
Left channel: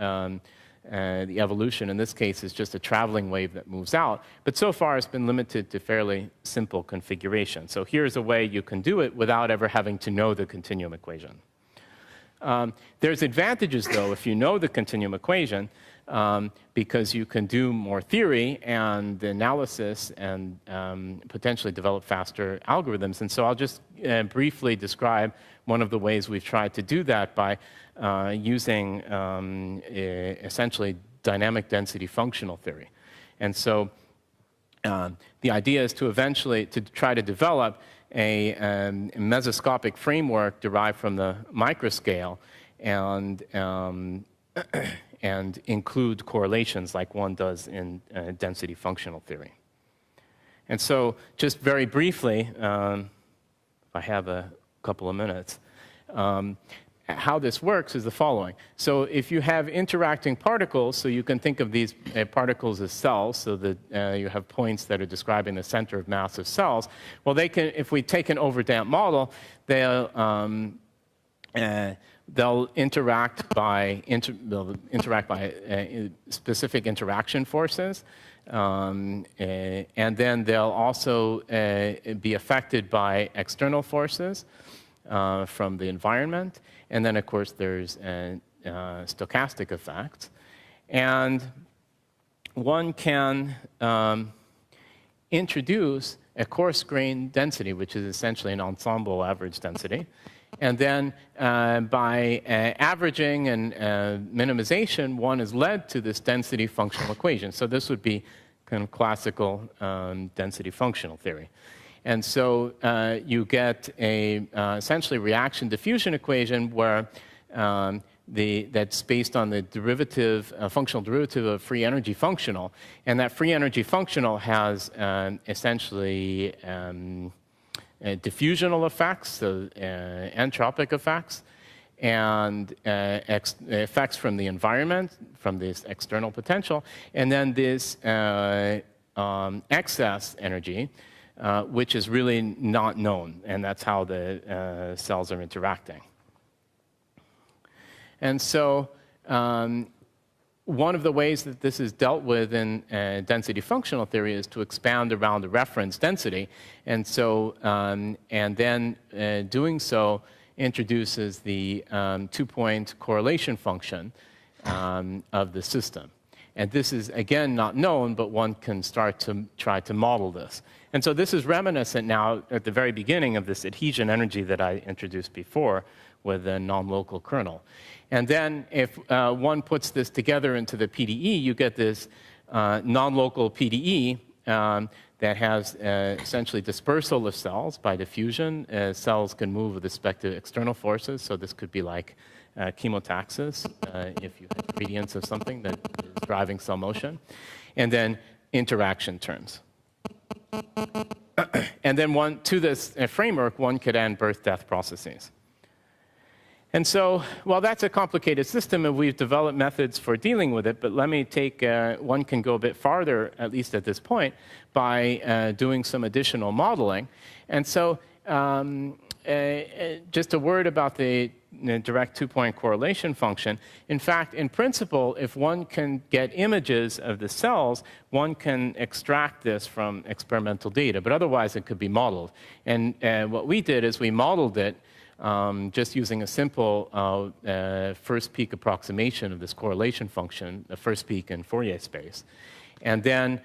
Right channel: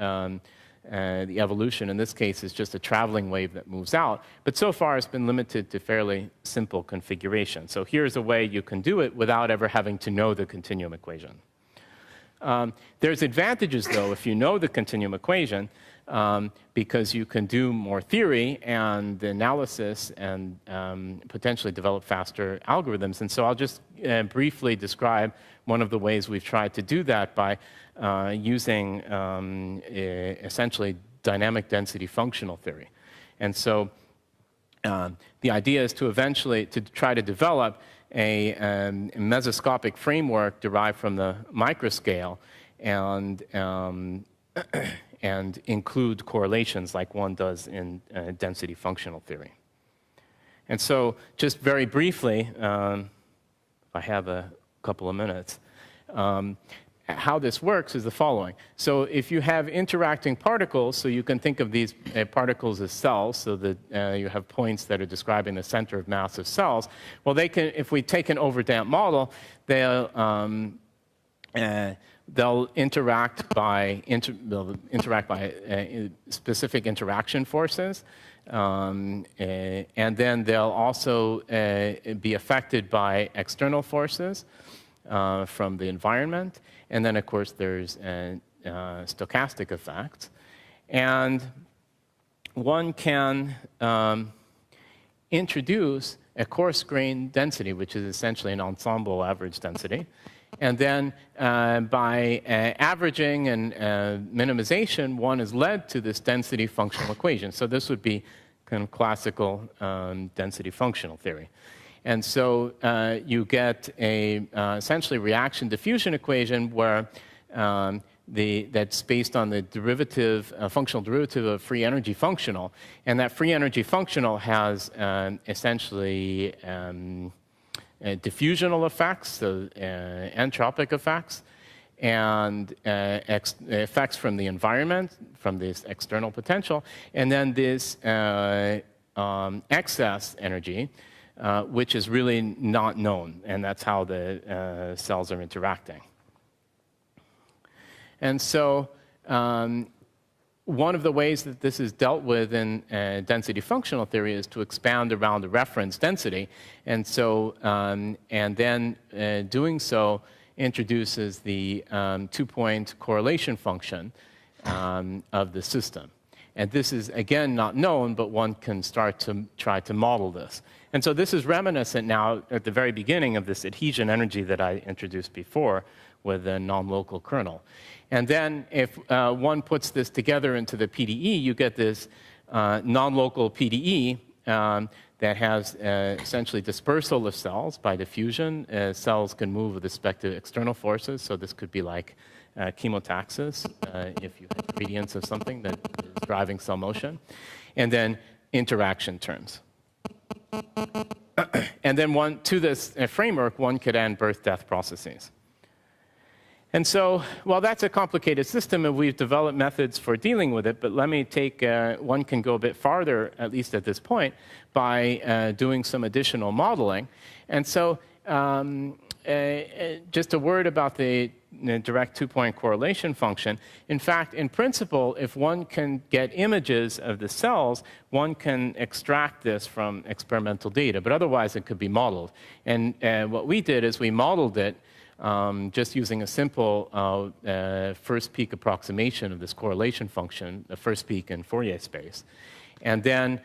evolution. In this case, is just a traveling wave that moves out. But so far, it's been limited to fairly simple configuration. So here's a way you can do it without ever having to know the continuum equation. There's advantages, though, if you know the continuum equation, because you can do more theory and analysis and potentially develop faster algorithms. And so I'll just briefly describe one of the ways we've tried to do that by using essentially dynamic density functional theory. And so the idea is to eventually try to develop a mesoscopic framework derived from the microscale and include correlations like one does in density functional theory. And so just very briefly, if I have a couple of minutes, how this works is the following. So if you have interacting particles, so you can think of these particles as cells, so that you have points that are describing the center of mass of cells. Well, they can, if we take an overdamped model, they'll interact by specific interaction forces, and then they'll also be affected by external forces from the environment. And then, of course, there's stochastic effects. And one can introduce a coarse grain density, which is essentially an ensemble average density. And then by averaging and minimization, one is led to this density functional equation. So this would be kind of classical density functional theory. And so you get a essentially reaction diffusion equation where that's based on the derivative, functional derivative of free energy functional. And that free energy functional has essentially diffusional effects, so entropic effects, and effects from the environment, from this external potential, and then this excess energy, which is really not known, and that's how the cells are interacting. And so one of the ways that this is dealt with in density functional theory is to expand around the reference density. And so, and then doing so introduces the 2-point correlation function of the system. And this is, again, not known, but one can start to try to model this. And so this is reminiscent now at the very beginning of this adhesion energy that I introduced before with the non-local kernel. And then if one puts this together into the PDE, you get this non-local PDE that has essentially dispersal of cells by diffusion. Cells can move with respect to external forces, so this could be like chemotaxis if you have gradients of something that is driving cell motion. And then interaction terms. And then to this framework, one could add birth-death processes. And so, well, that's a complicated system, and we've developed methods for dealing with it, but let me take, one can go a bit farther, at least at this point, by doing some additional modeling. And so, just a word about the direct 2-point correlation function. In fact, in principle, if one can get images of the cells, one can extract this from experimental data, but otherwise it could be modeled. And what we did is we modeled it just using a simple first peak approximation of this correlation function, the first peak in Fourier space. And then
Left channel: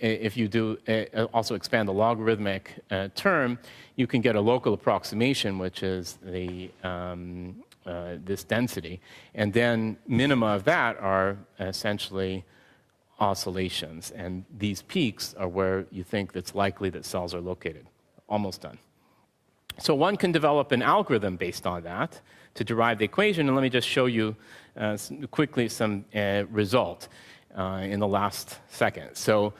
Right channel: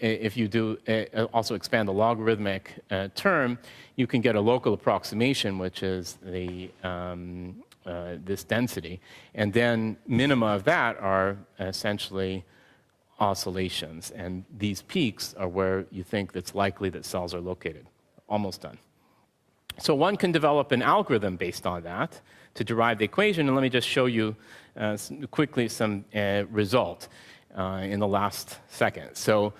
if you do also expand the logarithmic term, you can get a local approximation, which is the this density. And then minima of that are essentially oscillations. And these peaks are where you think it's likely that cells are located. Almost done. So one can develop an algorithm based on that to derive the equation. And let me just show you quickly some result in the last second. So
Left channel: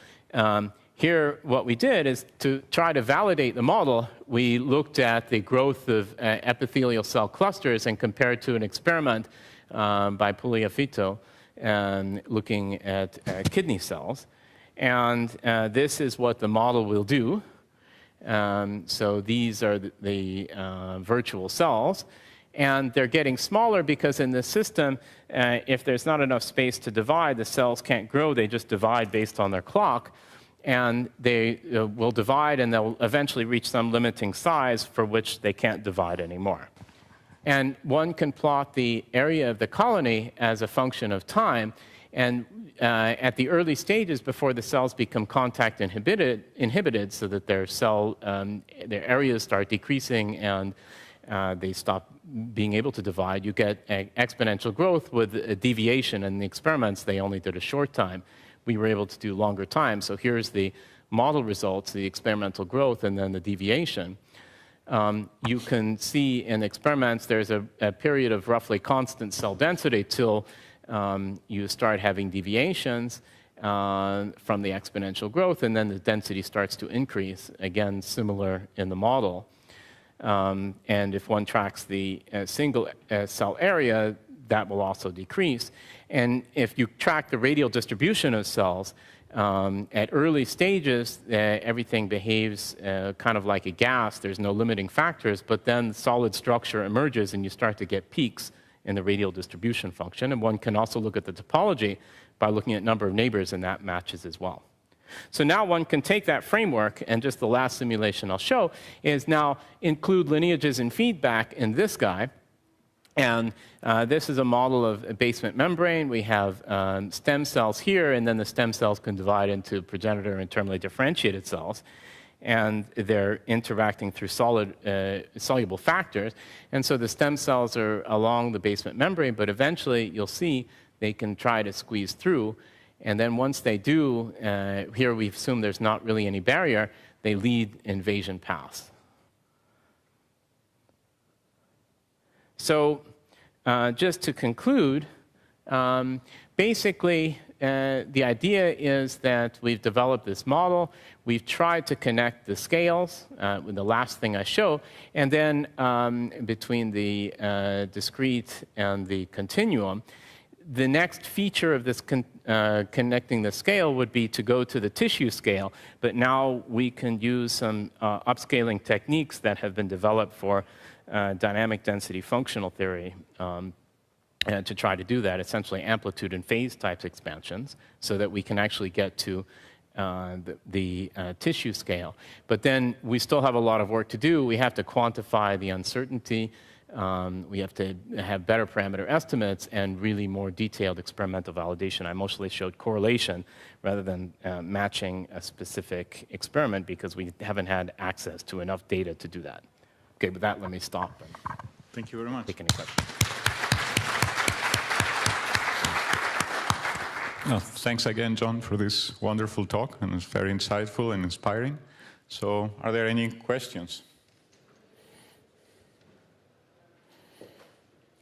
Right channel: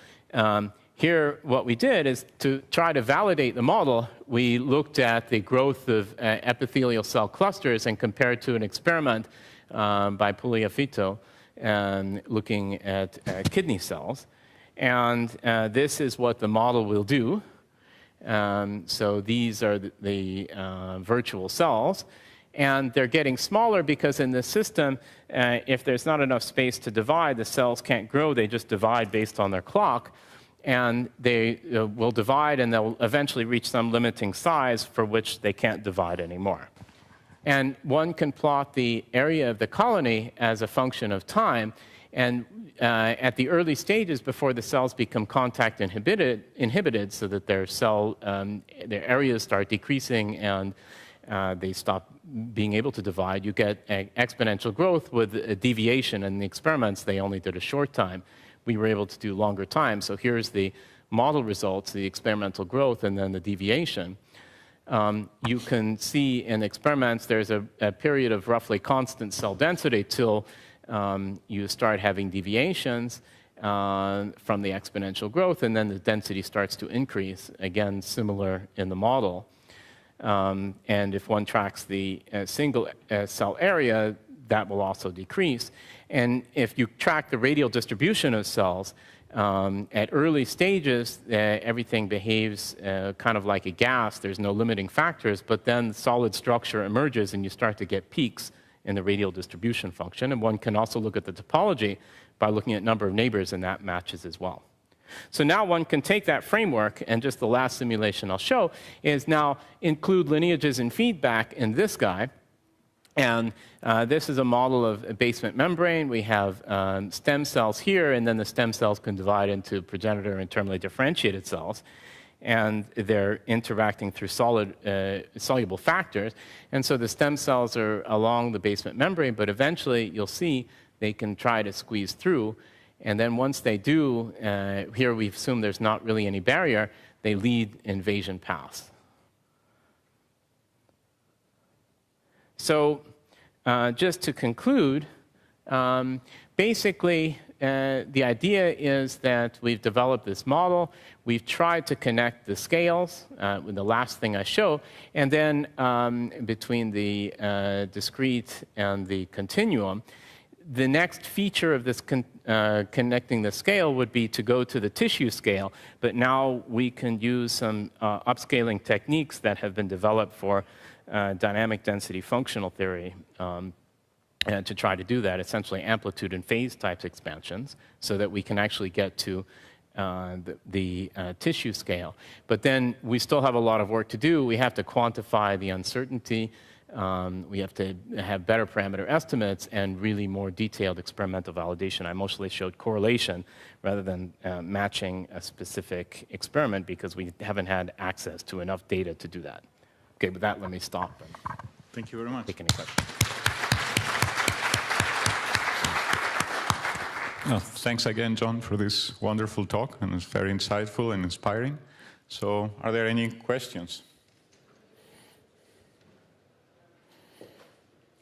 here what we did is to try to validate the model, we looked at the growth of epithelial cell clusters and compared to an experiment by Pugliafito looking at kidney cells. And this is what the model will do. So these are the virtual cells, and they're getting smaller because in this system, if there's not enough space to divide, the cells can't grow. They just divide based on their clock, and they will divide, and they'll eventually reach some limiting size for which they can't divide anymore. And one can plot the area of the colony as a function of time. And at the early stages, before the cells become contact inhibited, so that their areas start decreasing and they stop being able to divide, you get exponential growth with a deviation. In the experiments, they only did a short time. We were able to do longer time. So here's the model results, the experimental growth, and then the deviation. You can see in experiments there's a period of roughly constant cell density till you start having deviations from the exponential growth, and then the density starts to increase, again, similar in the model. And if one tracks the single cell area, that will also decrease. And if you track the radial distribution of cells, at early stages, everything behaves kind of like a gas. There's no limiting factors, but then solid structure emerges, and you start to get peaks in the radial distribution function. And one can also look at the topology by looking at number of neighbors, and that matches as well. So now one can take that framework, and just the last simulation I'll show is now include lineages and feedback in this guy. And this is a model of a basement membrane. We have stem cells here, and then the stem cells can divide into progenitor and terminally differentiated cells. and they're interacting through soluble factors. And so the stem cells are along the basement membrane, but eventually you'll see they can try to squeeze through. And then once they do, here we assume there's not really any barrier, they lead invasion paths. So just to conclude, basically the idea is that we've developed this model. We've tried to connect the scales with the last thing I show, and then between the discrete and the continuum. The next feature of this connecting the scale would be to go to the tissue scale, but now we can use some upscaling techniques that have been developed for dynamic density functional theory to try to do that, essentially amplitude and phase types expansions, so that we can actually get to the tissue scale. But then we still have a lot of work to do. We have to quantify the uncertainty. We have to have better parameter estimates and really more detailed experimental validation. I mostly showed correlation rather than matching a specific experiment because we haven't had access to enough data to do that. Okay, with that, let me stop. Thank you very much. Take any questions. Well, thanks again, John, for this wonderful talk, and it's very insightful and inspiring. So, are there any questions?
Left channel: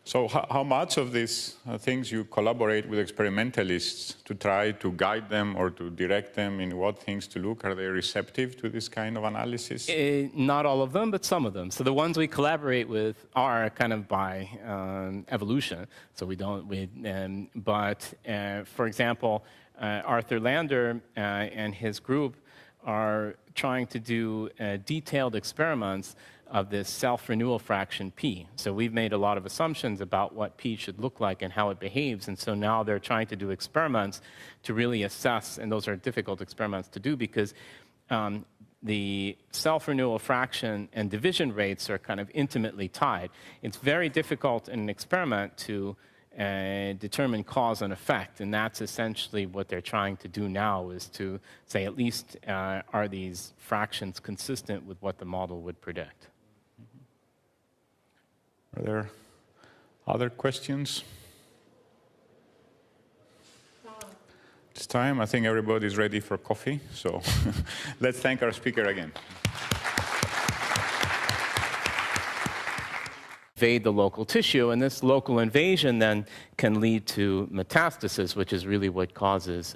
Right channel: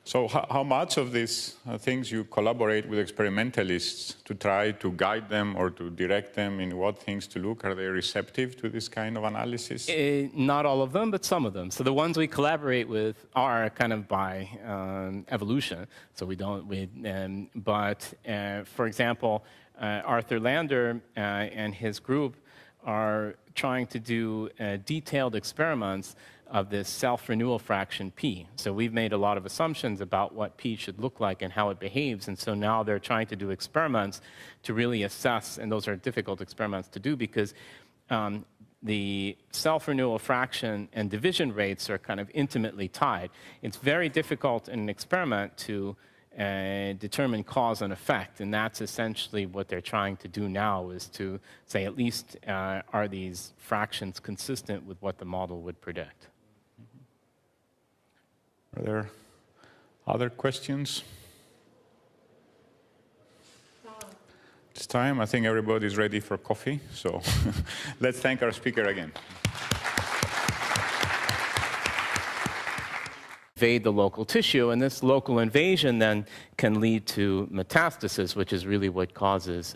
So how much of these things you collaborate with experimentalists to try to guide them or to direct them in what things to look? Are they receptive to this kind of analysis? Not all of them, but some of them. So the ones we collaborate with are kind of by evolution. So we don't, for example, Arthur Lander and his group are trying to do detailed experiments of this self-renewal fraction P. So we've made a lot of assumptions about what P should look like and how it behaves, and so now they're trying to do experiments to really assess, and those are difficult experiments to do because the self-renewal fraction and division rates are kind of intimately tied. It's very difficult in an experiment to determine cause and effect, and that's essentially what they're trying to do now, is to say at least are these fractions consistent with what the model would predict. Are there other questions? This time, I think everybody's ready for coffee, so let's thank our speaker again. Invade the local tissue, and this local invasion then can lead to metastasis, which is really what causes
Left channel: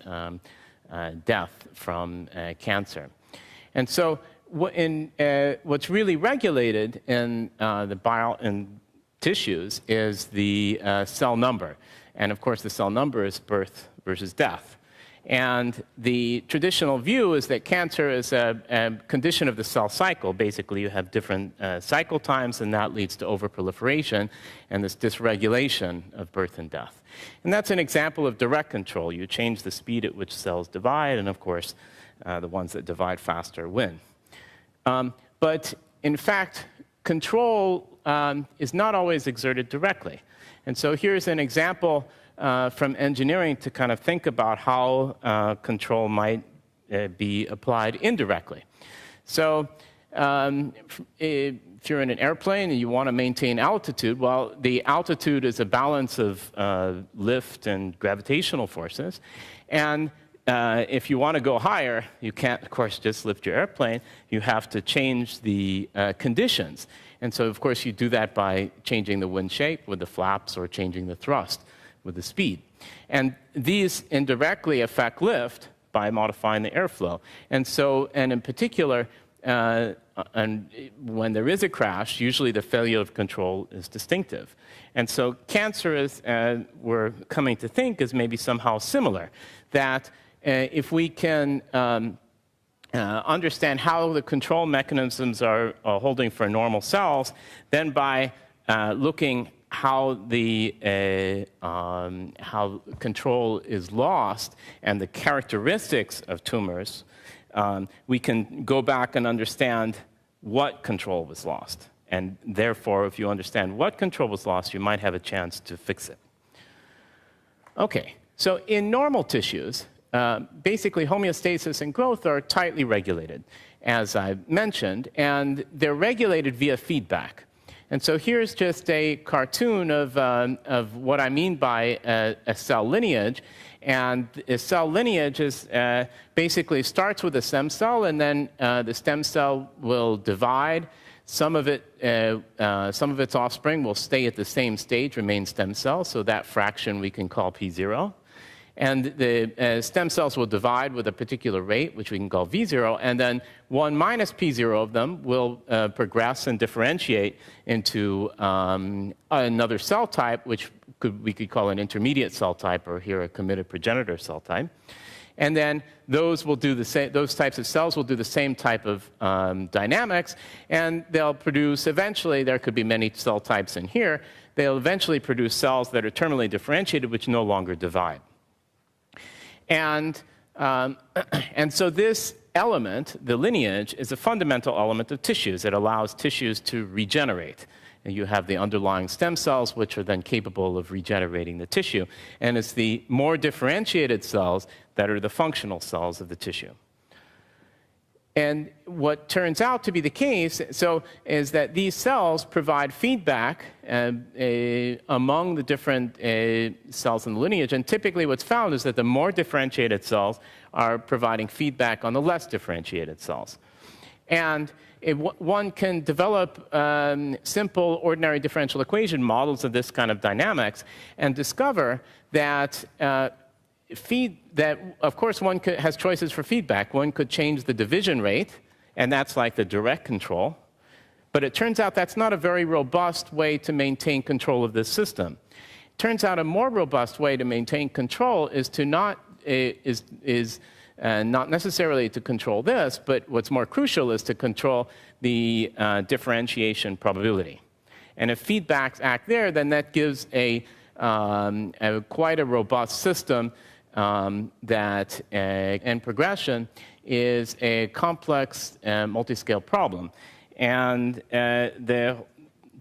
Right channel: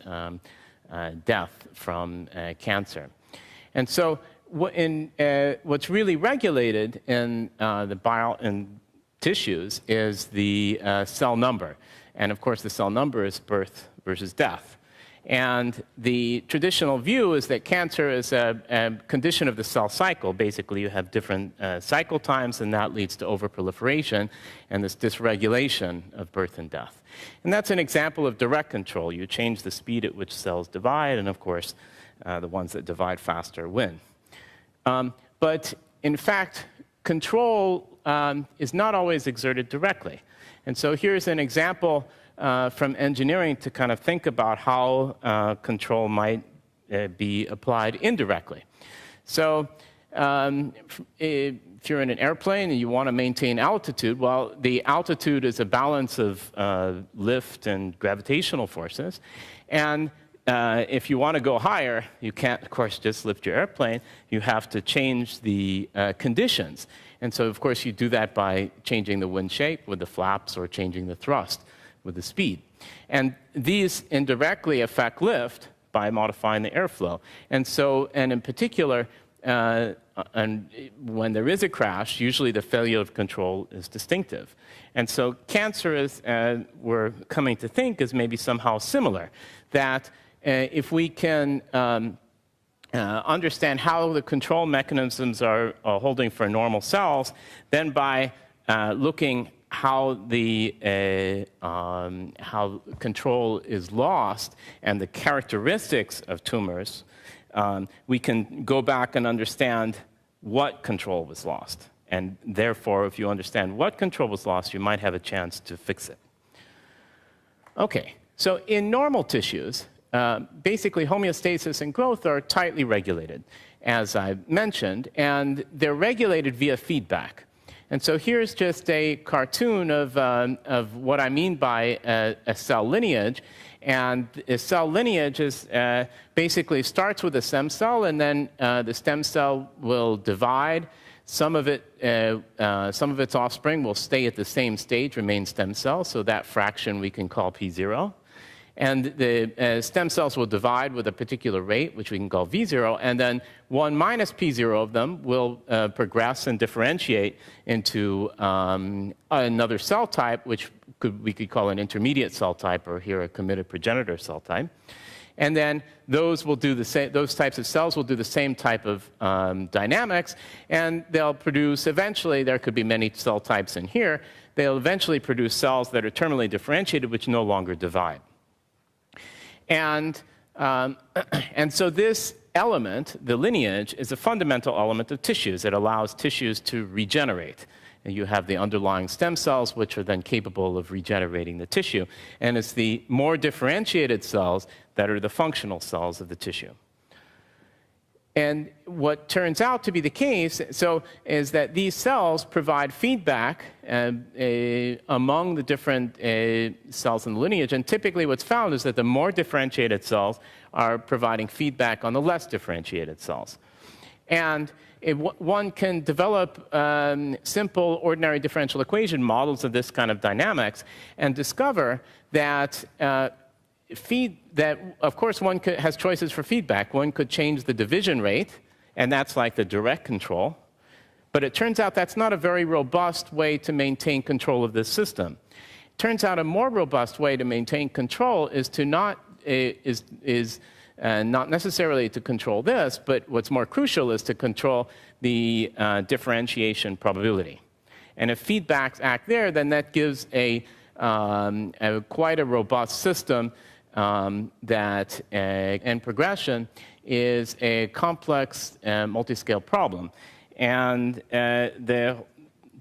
death from cancer. And so what's really regulated in in tissues is the cell number. And of course, the cell number is birth versus death. And the traditional view is that cancer is a condition of the cell cycle. Basically, you have different cycle times, and that leads to overproliferation and this dysregulation of birth and death. And that's an example of direct control. You change the speed at which cells divide, and of course, the ones that divide faster win. But in fact, control is not always exerted directly. And so here's an example from engineering to kind of think about how control might be applied indirectly. So if you're in an airplane and you want to maintain altitude, well, the altitude is a balance of lift and gravitational forces. And if you want to go higher, you can't, of course, just lift your airplane. You have to change the conditions. And so, of course, you do that by changing the wind shape with the flaps or changing the thrust with the speed. And these indirectly affect lift by modifying the airflow. And so, and in particular, and when there is a crash, usually the failure of control is distinctive. And so cancer is, we're coming to think, is maybe somehow similar, that if we can understand how the control mechanisms are holding for normal cells, then by looking how the how control is lost and the characteristics of tumors, we can go back and understand what control was lost. And therefore, if you understand what control was lost, you might have a chance to fix it. Okay, so in normal tissues, basically homeostasis and growth are tightly regulated. as I mentioned, and they're regulated via feedback. And so here's just a cartoon of what I mean by a cell lineage. And a cell lineage is basically starts with a stem cell, and then the stem cell will divide. Some of its offspring will stay at the same stage, remain stem cells, so that fraction we can call P0. And the stem cells will divide with a particular rate, which we can call V0, and then 1 minus P0 of them will progress and differentiate into another cell type, which we could call an intermediate cell type, or here a committed progenitor cell type. And then those will do the same. Those types of cells will do the same type of dynamics, and they'll produce. Eventually, there could be many cell types in here. They'll eventually produce cells that are terminally differentiated, which no longer divide. And so this element, the lineage, is a fundamental element of tissues. It allows tissues to regenerate. And you have the underlying stem cells, which are then capable of regenerating the tissue. And it's the more differentiated cells that are the functional cells of the tissue. And what turns out to be the case, is that these cells provide feedback among the different cells in the lineage. And typically what's found is that the more differentiated cells are providing feedback on the less differentiated cells. And one can develop simple ordinary differential equation models of this kind of dynamics and discover that of course, one has choices for feedback. One could change the division rate, and that's like the direct control. But it turns out that's not a very robust way to maintain control of this system. It turns out a more robust way to maintain control is to not necessarily to control this, but what's more crucial is to control the differentiation probability. And if feedbacks act there, then that gives quite a robust system and progression is a complex multi-scale problem. And the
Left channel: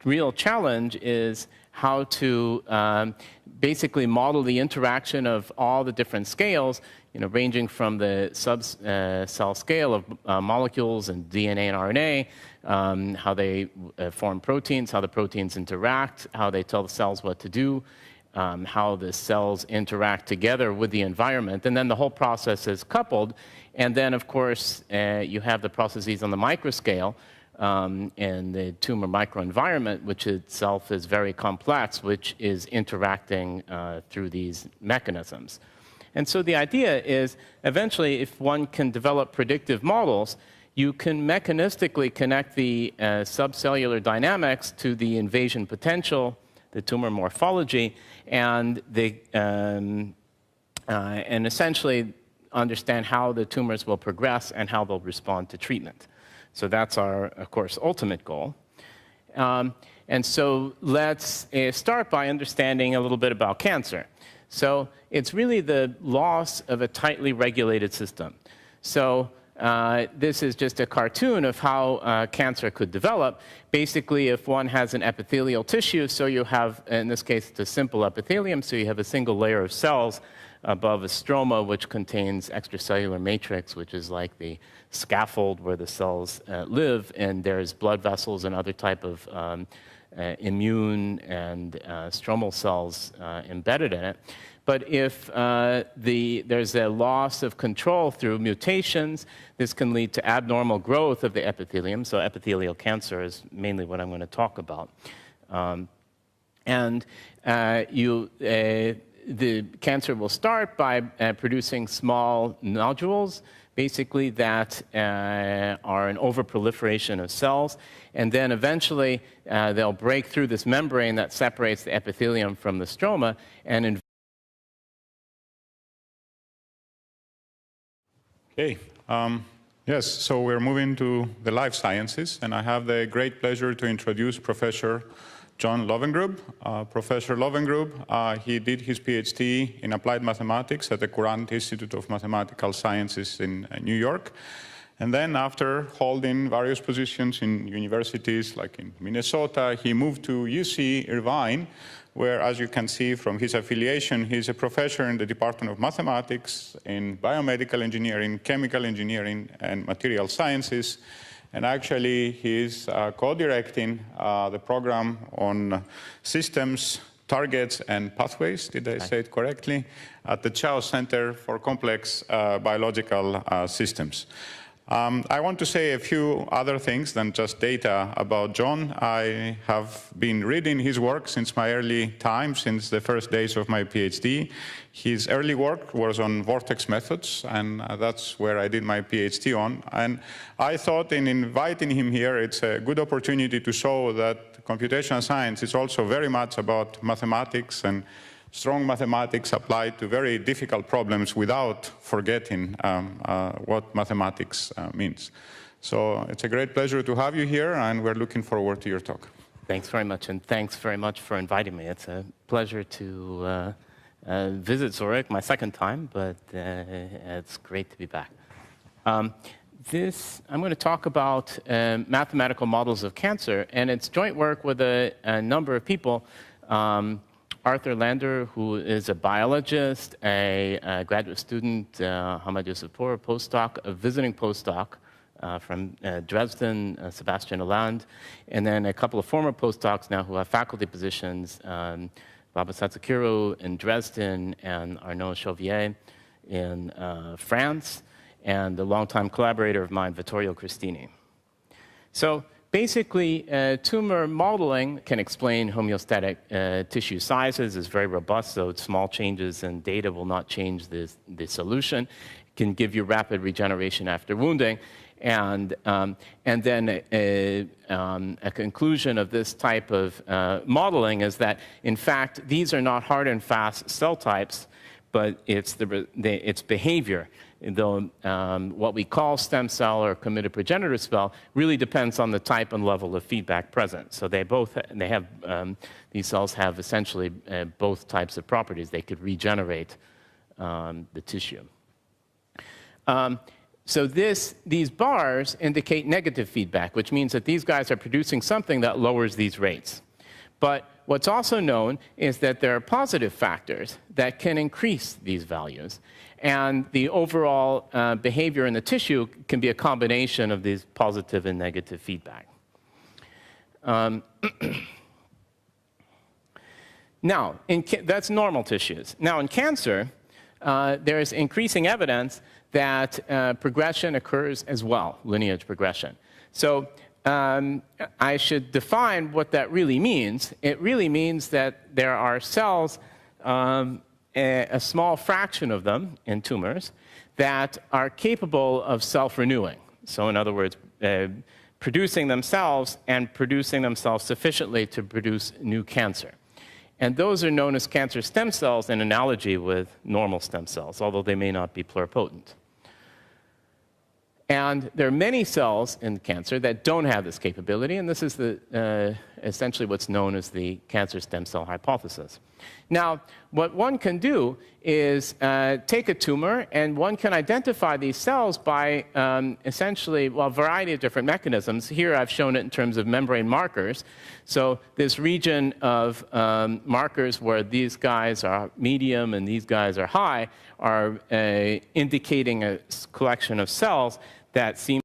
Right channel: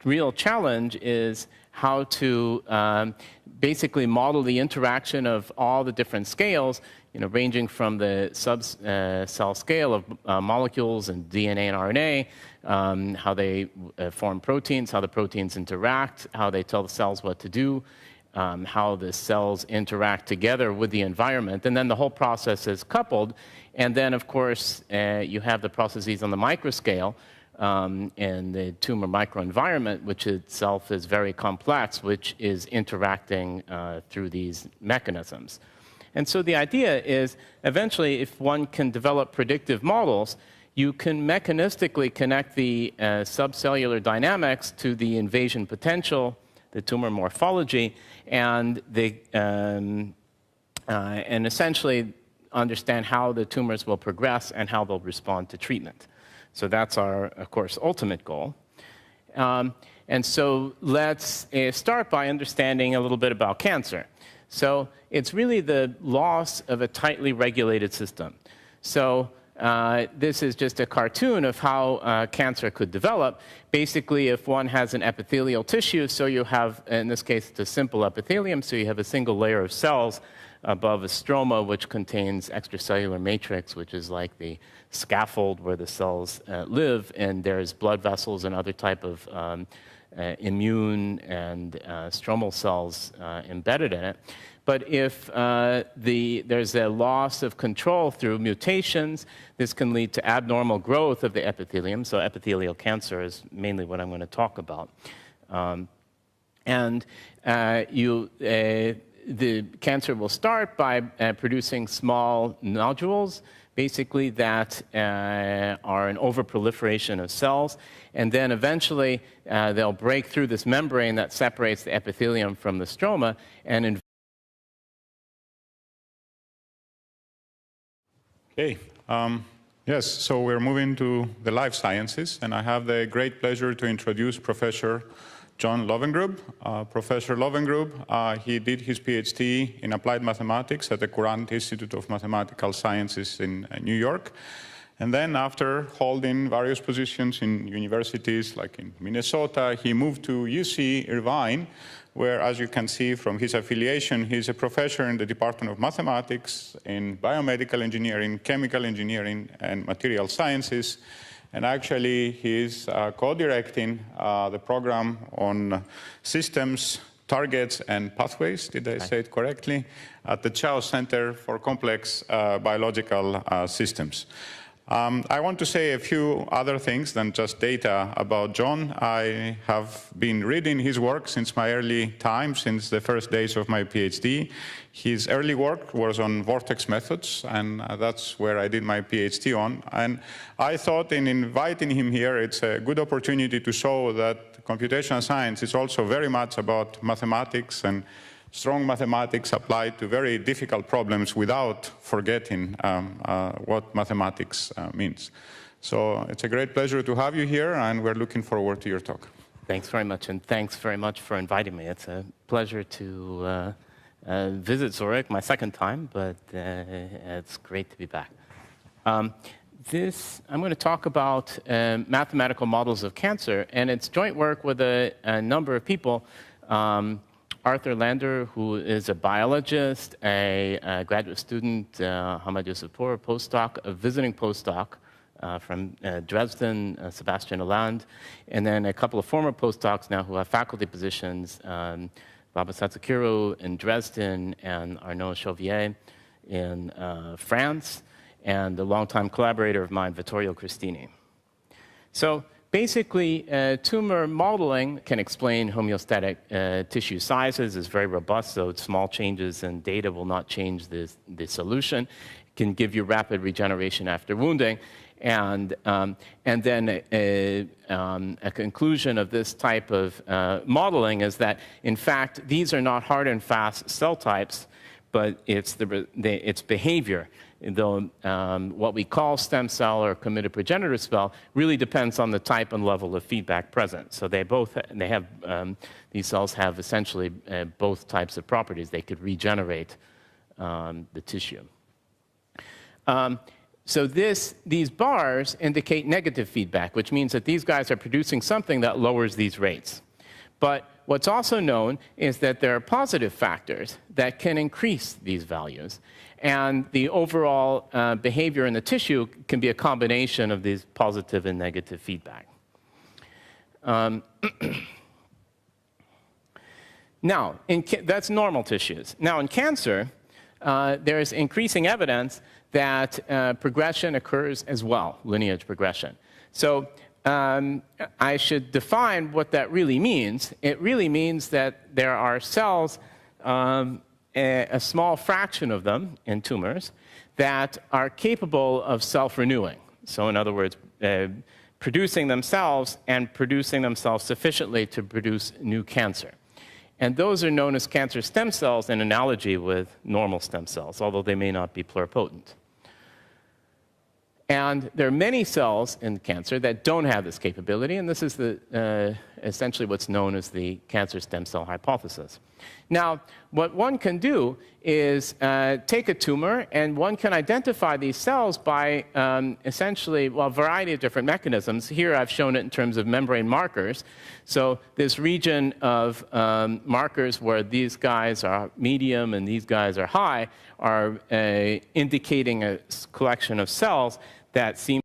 real challenge is how to basically model the interaction of all the different scales, ranging from the sub-cell scale of molecules and DNA and RNA, how they form proteins, how the proteins interact, how they tell the cells what to do, how the cells interact together with the environment. And then the whole process is coupled. And then, of course, you have the processes on the microscale and the tumor microenvironment, which itself is very complex, which is interacting through these mechanisms. And so the idea is, eventually, if one can develop predictive models, you can mechanistically connect the subcellular dynamics to the invasion potential, the tumor morphology, and essentially understand how the tumors will progress and how they'll respond to treatment. So that's our, of course, ultimate goal. And so let's start by understanding a little bit about cancer. So it's really the loss of a tightly regulated system. So this is just a cartoon of how cancer could develop. Basically, if one has an epithelial tissue, so you have, in this case, it's a simple epithelium, so you have a single layer of cells above a stroma, which contains extracellular matrix, which is like the scaffold where the cells live, and there's blood vessels and other type of immune and stromal cells embedded in it. But if there's a loss of control through mutations, this can lead to abnormal growth of the epithelium. So epithelial cancer is mainly what I'm going to talk about. The cancer will start by producing small nodules, basically that are an overproliferation of cells. And then eventually they'll break through this membrane that separates the epithelium from the stroma and Okay. Yes, so we're moving to the life sciences, and I have the great pleasure to introduce Professor John Lowengrub. Professor Lowengrub, he did his PhD in applied mathematics at the Courant Institute of Mathematical Sciences in New York. And then after holding various positions in universities like in Minnesota, he moved to UC Irvine, where, as you can see from his affiliation, he's a professor in the Department of Mathematics, in biomedical engineering, chemical engineering, and material sciences. And actually, he's co-directing the program on systems, targets, and pathways, did I say it correctly, at the Chao Center for Complex Biological Systems. I want to say a few other things than just data about John. I have been reading his work since my early time, since the first days of my PhD. His early work was on vortex methods, and that's where I did my PhD on. And I thought in inviting him here, it's a good opportunity to show that computational science is also very much about mathematics and strong mathematics applied to very difficult problems without forgetting what mathematics means. So it's a great pleasure to have you here, and we're looking forward to your talk. Thanks very much, and thanks very much for inviting me. It's a pleasure to visit Zurich, my second time, but it's great to be back. I'm going to talk about mathematical models of cancer, and it's joint work with a number of people. Arthur Lander, who is a biologist, a graduate student, Hamad Yousefpour, a postdoc, a visiting postdoc from Dresden, Sebastian Hollande, and then a couple of former postdocs now who have faculty positions, Baba Satsukiru in Dresden and Arnaud Chauvier in France, and a longtime collaborator of mine, Vittorio Cristini. So basically, tumor modeling can explain homeostatic tissue sizes. It's very robust, so small changes in data will not change the solution. It can give you rapid regeneration after wounding. And then a conclusion of this type of modeling is that, in fact, these are not hard and fast cell types, but it's behavior. Though what we call stem cell or committed progenitor cell really depends on the type and level of feedback present. So these cells have essentially both types of properties. They could regenerate the tissue. So these bars indicate negative feedback, which means that these guys are producing something that lowers these rates. But what's also known is that there are positive factors that can increase these values. And the overall behavior in the tissue can be a combination of these positive and negative feedback. Now, that's normal tissues. Now, in cancer, there is increasing evidence that progression occurs as well, lineage progression. So I should define what that really means. It really means that there are cells, a small fraction of them in tumors, that are capable of self-renewing. So in other words, producing themselves and producing themselves sufficiently to produce new cancer. And those are known as cancer stem cells in analogy with normal stem cells, although they may not be pluripotent. And there are many cells in cancer that don't have this capability, and this is essentially what's known as the cancer stem cell hypothesis. Now, what one can do is take a tumor, and one can identify these cells by essentially, well, a variety of different mechanisms. Here I've shown it in terms of membrane markers. So this region of markers where these guys are medium and these guys are high are indicating a collection of cells that seem